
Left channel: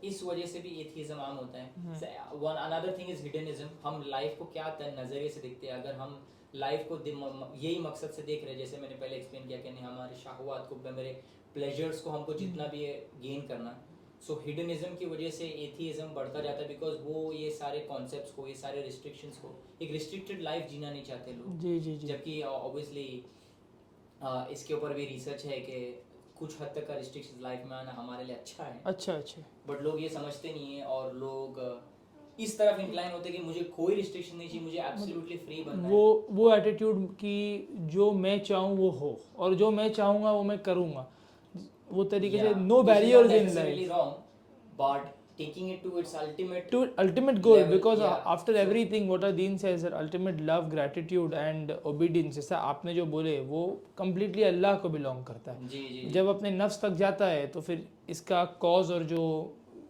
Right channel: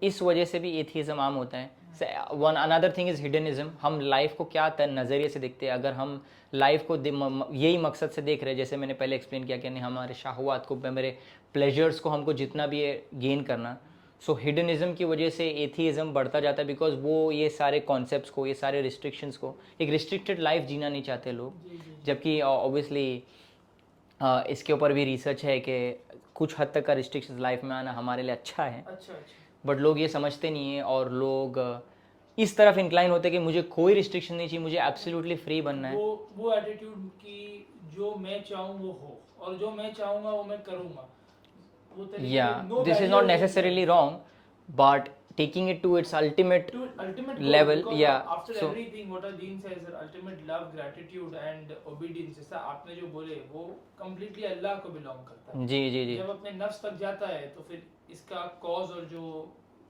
इस वजह से भी एथिज्म आम होता है। One another thing is hedonism. हम लाइफ को क्या नज़रिए से देखते हैं। अगर हम लाइफ को यही मकसद से देख रहे हैं, जैसे मैंने पहले एक्सप्लेन किया कि नहीं, हमारे शाहवात को, मेरे प्लेजर्स को हमको जितना भी है गेन करना। हिडनिज्म की वजह से एथिज्म बढ़ता जाता है, बिकॉज वो ये सारे कॉन्सेप्ट्स को, ये सारे रिस्ट्रिक्शंस को, एक रिस्ट्रिक्टेड लाइफ जीना नहीं चाहते लोग। जी, जी, जी। जबकि ऑब्वियसली इसके ऊपर भी रिसर्च है कि कुछ हद तक का रिस्ट्रिक्शंस लाइफ में आना हमारे लिए अच्छा है। अच्छा। बट लोग ये समझते नहीं हैं, और लोग इस तरफ इंक्लाइन होते हैं कि मुझे कोई रिस्ट्रिक्शन नहीं चाहिए, मुझे एब्सोल्युटली फ्री बनना है। वो एटीट्यूड कि जो मैं चाहूँ वो हो, और जो मैं चाहूँगा वो मैं करूँगा, वो तरीके से no this is barrier not necessarily wrong, but taking it to its ultimate goal, level, because yeah, after everything what Deen says that ultimate love, gratitude and obedience, जैसा आपने जो बोले वो completely अल्लाह को बिलोंग करता है। जी। जब अपने नफ्स तक जाता है तो फिर इसका कॉज और जो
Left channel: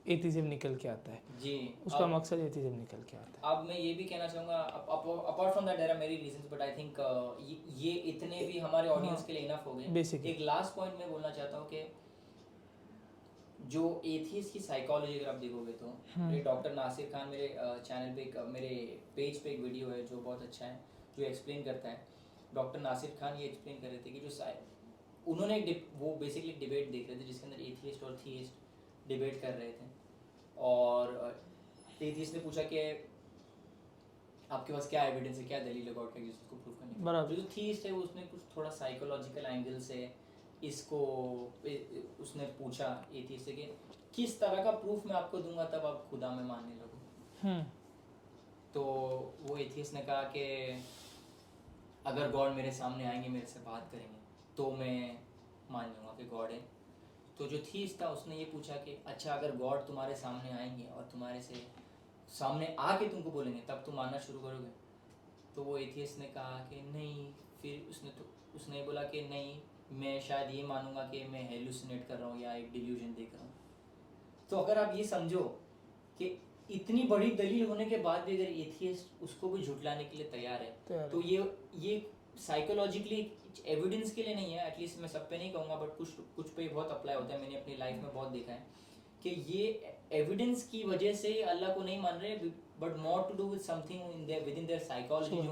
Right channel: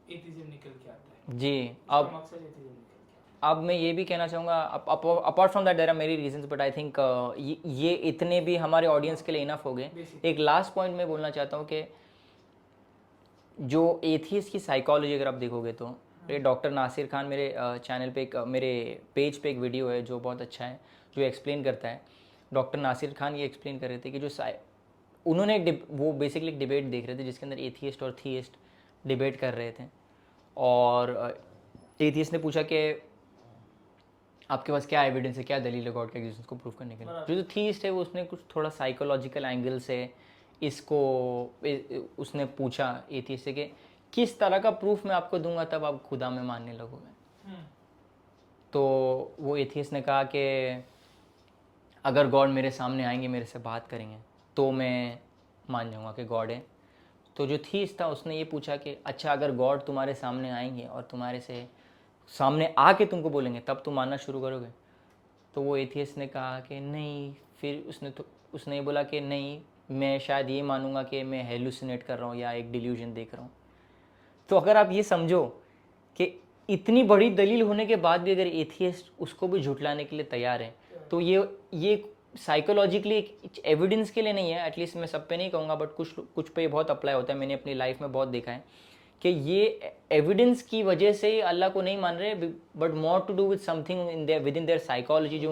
एथिज्म निकल के आता है जी, उसका मकसद एथिज्म निकल के आता अब मैं ये भी कहना चाहूँगा, apart from that there are many reasons, but I think ये इतने भी हमारे ऑडियंस के लिए इनफ हो गए। Basically. एक लास्ट पॉइंट मैं बोलना चाहता हूँ कि जो एथियस्ट की साइकोलॉजी अगर आप देखोगे तो डॉक्टर नासिर खान, मेरे चैनल पे मेरे पेज पे एक वीडियो है जो बहुत अच्छा है। जो एक्सप्लेन करता है, डॉक्टर नासिर खान ये एक्सप्लेन कर रहे थे कि जो उन्होंने वो बेसिकली एक डिबेट देख रहे थे जिसके अंदर एथियस्ट और थीइस्ट डिबेट कर रहे थे, और एथियस्ट ने पूछा कि आपके पास क्या एविडेंस है, क्या दलील है गॉड के एग्जिस्टेंस को प्रूव करने के लिए। जो थीइस्ट है वो उसने कुछ थोड़ा साइकोलॉजिकल एंगल से इसको उसने पूछा एथियस्ट से कि किस तरह का प्रूफ मैं आपको दूंगा तब आप खुदा में मानने लगोगे। तो वो एथियस्ट ने कहा कि अगर गॉड मेरे सामने आएंगे, मेरे से बात करेंगे, तो मैं मान जाऊंगा कि गॉड है। तो जो थीस्ट था उसने ये पूछा कि अच्छा अगर गॉड तुम्हारे सामने आएंगे और तुम्हारे से सामने आके तुमको बोलेंगे तब तुम मानना शुरू करोगे। तो वो एथियस्ट ने कहा कि नहीं, फिर उसने बोला कि नहीं, मैं शायद ये मानूंगा कि मैं हेलुसिनेट कर रहा हूँ या एक डिल्यूजन देख रहा हूँ। तो अगर आप ये समझो कि इतनी बड़ी दलील होने के बाद भी अगर एथियस्ट उसको भी झुटलाने के लिए तैयार है, तो ये साइकोलॉजिकली एविडेंस के लिए नहीं है, एटलीस्ट मैं सब पे नहीं कहूँगा बट कुछ पे बहुत अप्लाई होता है। मैंने अपनी लाइफ में बहुत देखा है कि ये एविडेंस की वजह से ही अल्लाह को नहीं मान रहे, but more to do with something in there within their psychology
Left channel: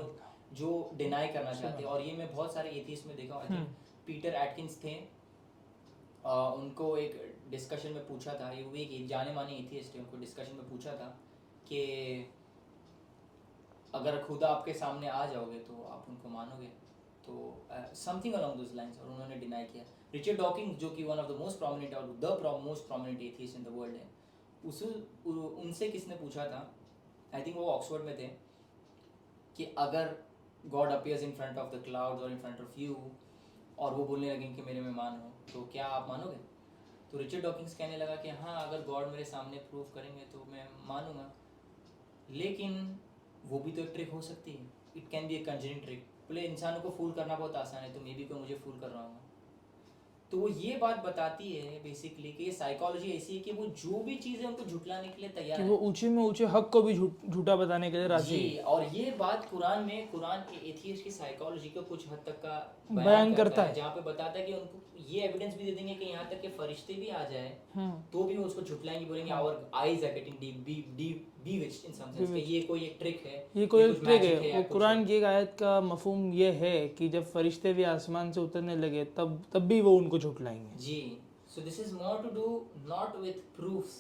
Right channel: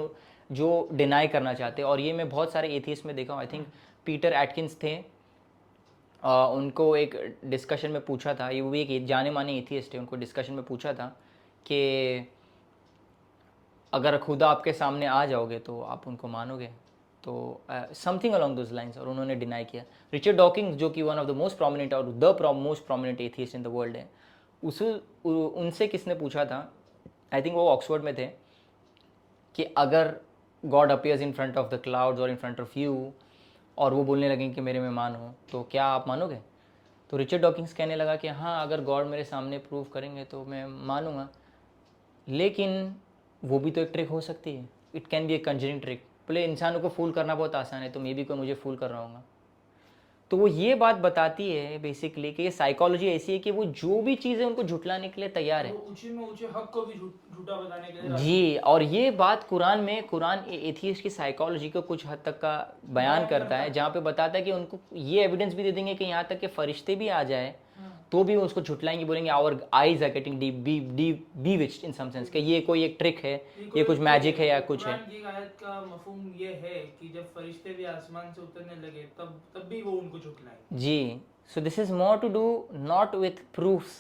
जो डिनाई करना चाहते हैं। और ये मैं बहुत सारे एथियस्ट में देखा हूँ। आई थिंक पीटर एटकिंस थे, उनको एक डिस्कशन में पूछा था, ये वो एक जाने माने एथियस्ट है, उनको डिस्कशन में पूछा था कि अगर खुदा आपके सामने आ जाओगे तो आप उनको मानोगे, तो समथिंग अलोंग दोज लाइंस, और उन्होंने डिनाई किया। रिचर्ड डॉकिंस जो कि one of the most prominent और the most prominent atheist in the world है, उनसे किसने पूछा था, आई थिंक वो ऑक्सफोर्ड में थे, कि अगर God appears in front of the clouds और इन फ्रंट ऑफ यू और वो बोलने लगे कि मेरे में मानो, तो क्या आप मानोगे? तो रिचर्ड डॉकिंस कहने लगा कि हाँ, अगर गॉड मेरे सामने प्रूव करेंगे तो मैं मानूंगा, लेकिन वो भी तो एक ट्रिक हो सकती है, it can be A Conjuring trick. बोले इंसानों को फूल करना बहुत आसान है, तो मे भी कोई मुझे फूल कर रहा होगा। तो वो ये बात बताती है बेसिकली कि ये साइकोलॉजी ऐसी है कि वो जो भी चीज़ें उनको झुटलाने के लिए तैयार है, वो ऊंचे में ऊंचे हक को भी झूठा बताने के लिए राजी जी। और ये बात कुरान एथियस्ट की साइकोलॉजी को कुछ हद तक का बयान करता है, जहाँ पे बताता है कि उनको ये एविडेंस भी दे देंगे कि यहाँ तक कि फरिश्ते भी आ जाए तो भी उसको झुटलाएंगे, बोलेंगे our eyes are getting bewitched in some sense, कि ये कोई एक ट्रिक है, ये कुछ मैजिक है या कुछ है। कुरान की एक आयत का मफहूम ये है कि जब फरिश्ते भी आसमान से उतरने लगे तब भी वो उनको झुटलाएंगे। जी, so this is more to do not with proofs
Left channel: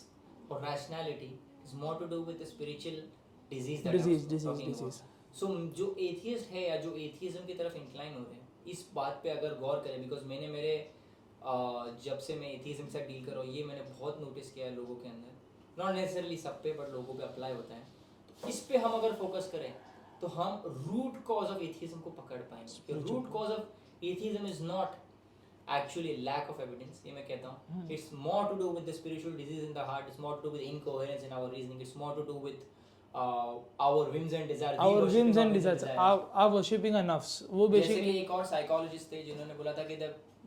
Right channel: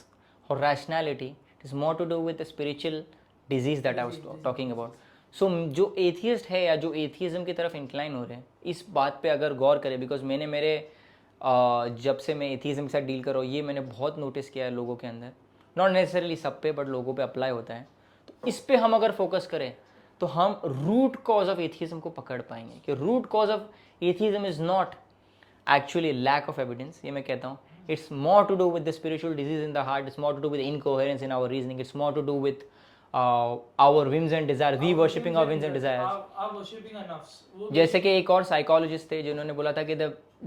और rationality, it is more to do with spiritual disease that I was talking about. So जो एथियस्ट है या जो एथियज्म की तरफ इंक्लाइन हो रहे हैं, इस बात पे अगर गौर करें, बिकॉज मैंने जब से मैं एथियज्म के साथ डील कर रहा हूँ, ये मैंने बहुत नोटिस किया है लोगों के अंदर, नॉट नेसेसरली सब पे बट लोगों पे अप्लाई होता है। तो इस पे हम अगर फोकस करें तो हम रूट कॉज ऑफ एथियज्म को पकड़ पाएंगे कि root cause of atheism is not actually lack of evidence, ये मैं कहता हूँ, it's more to do with the spiritual disease in the heart, it's more to do with incoherence in our reasoning, it's more to do with our whims and desires, we worshipping our whims and desires, worshipping our nafs। वो जैसे कि एक और psychologist थे जिन्होंने बोला था कि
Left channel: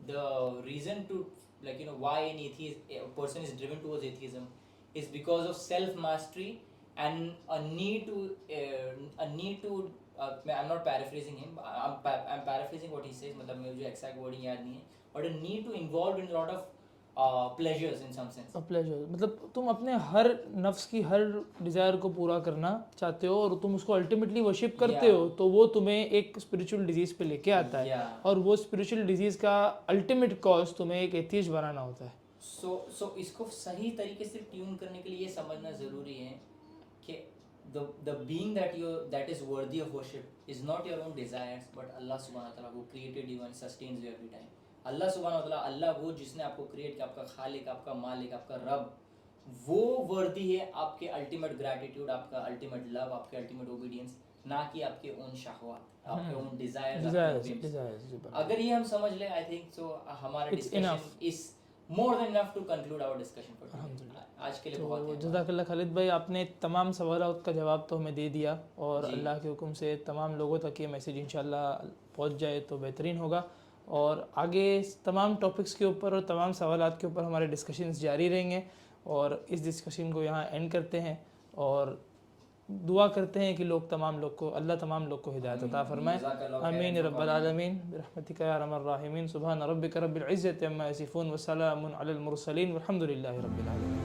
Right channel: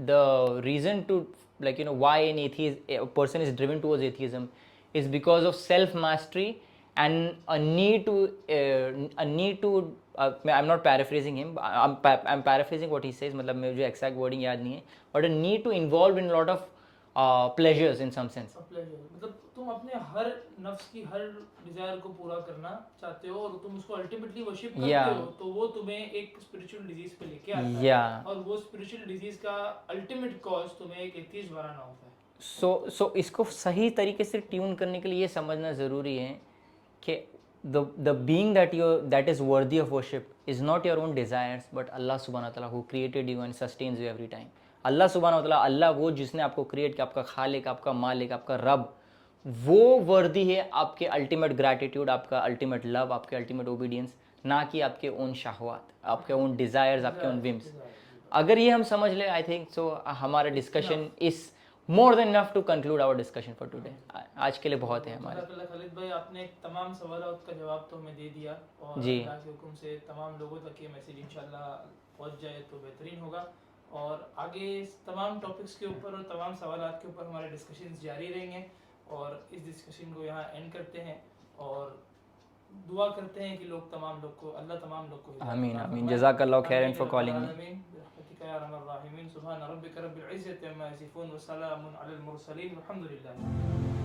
the reason to like why an atheist a person is driven towards atheism is because of self mastery and a need to I'm not paraphrasing him, I'm paraphrasing what he says, मतलब मुझे exact wording याद नहीं है, but a need to involve in a lot of pleasures in some sense। Pleasure मतलब तुम अपने हर नफ्स की हर डिजायर को पूरा करना चाहते हो और तुम उसको अल्टीमेटली वर्शिप करते हो, तो वो तुम्हें एक स्पिरिचुअल डिजीज पे लेके आता है, और वो स्पिरिचुअल डिजीज का अल्टीमेट कॉज तुम्हें एक एथियस्ट बनाना होता है। सो इसको सही तरीके से ट्यून करने के लिए ये समझना ज़रूरी है कि the being that is worthy of worship is not your own desires but Allah subhanahu wa ta'ala who created you and sustains you every time। अल्लाह सुब्हानहू व तआला, अल्लाह वो जिसने आपको क्रिएट किया, आपका खालिक, आपका मालिक, आपका रब, वो वर्दी है आपके अल्टीमेट ग्रैटिट्यूड, आपका अल्टीमेट लव, आपके अल्टीमेट ओबीडियंस, ना कि आपके ओन शहवात, आपके ओन डिजायर्स, आपके ओन विम्स। अगर ये हम समझ ले, आई थिंक सो हमारा discussion is more than enough to conclude our discussion for today. आज के लिए बहुत है। जज़ाकल्लाह खालिद भाई, आपने तमाम सवालों का जवाब तो हमें दे दिया, और अल्लाह के हुक्म से तमाम लोगों तक ये मैसेज इंशाल्लाह पहुंच जाए तो बेहतरीन होगा, और आगे तमाम टॉपिक्स के ऊपर और तमाम सवालात के ऊपर हमारे डिस्कशंस जारी रहेंगे। और इस डिस्कशन को यहाँ एंड करते हैं और दुआ करते हैं कि अल्लाह तमाम लोग को हिदायत अता फरमाए। जज़ाकल्लाहु खैरन फॉर कॉलिंग आमीन बिरहमतिका या अरहमर राहिमीन। सुभान रब्बिका रब्बिल इज्जति अम्मा यसिफून व सलामुन अलल मुरसलीन वल्हम्दुलिल्लाहि रब्बिल आलमीन।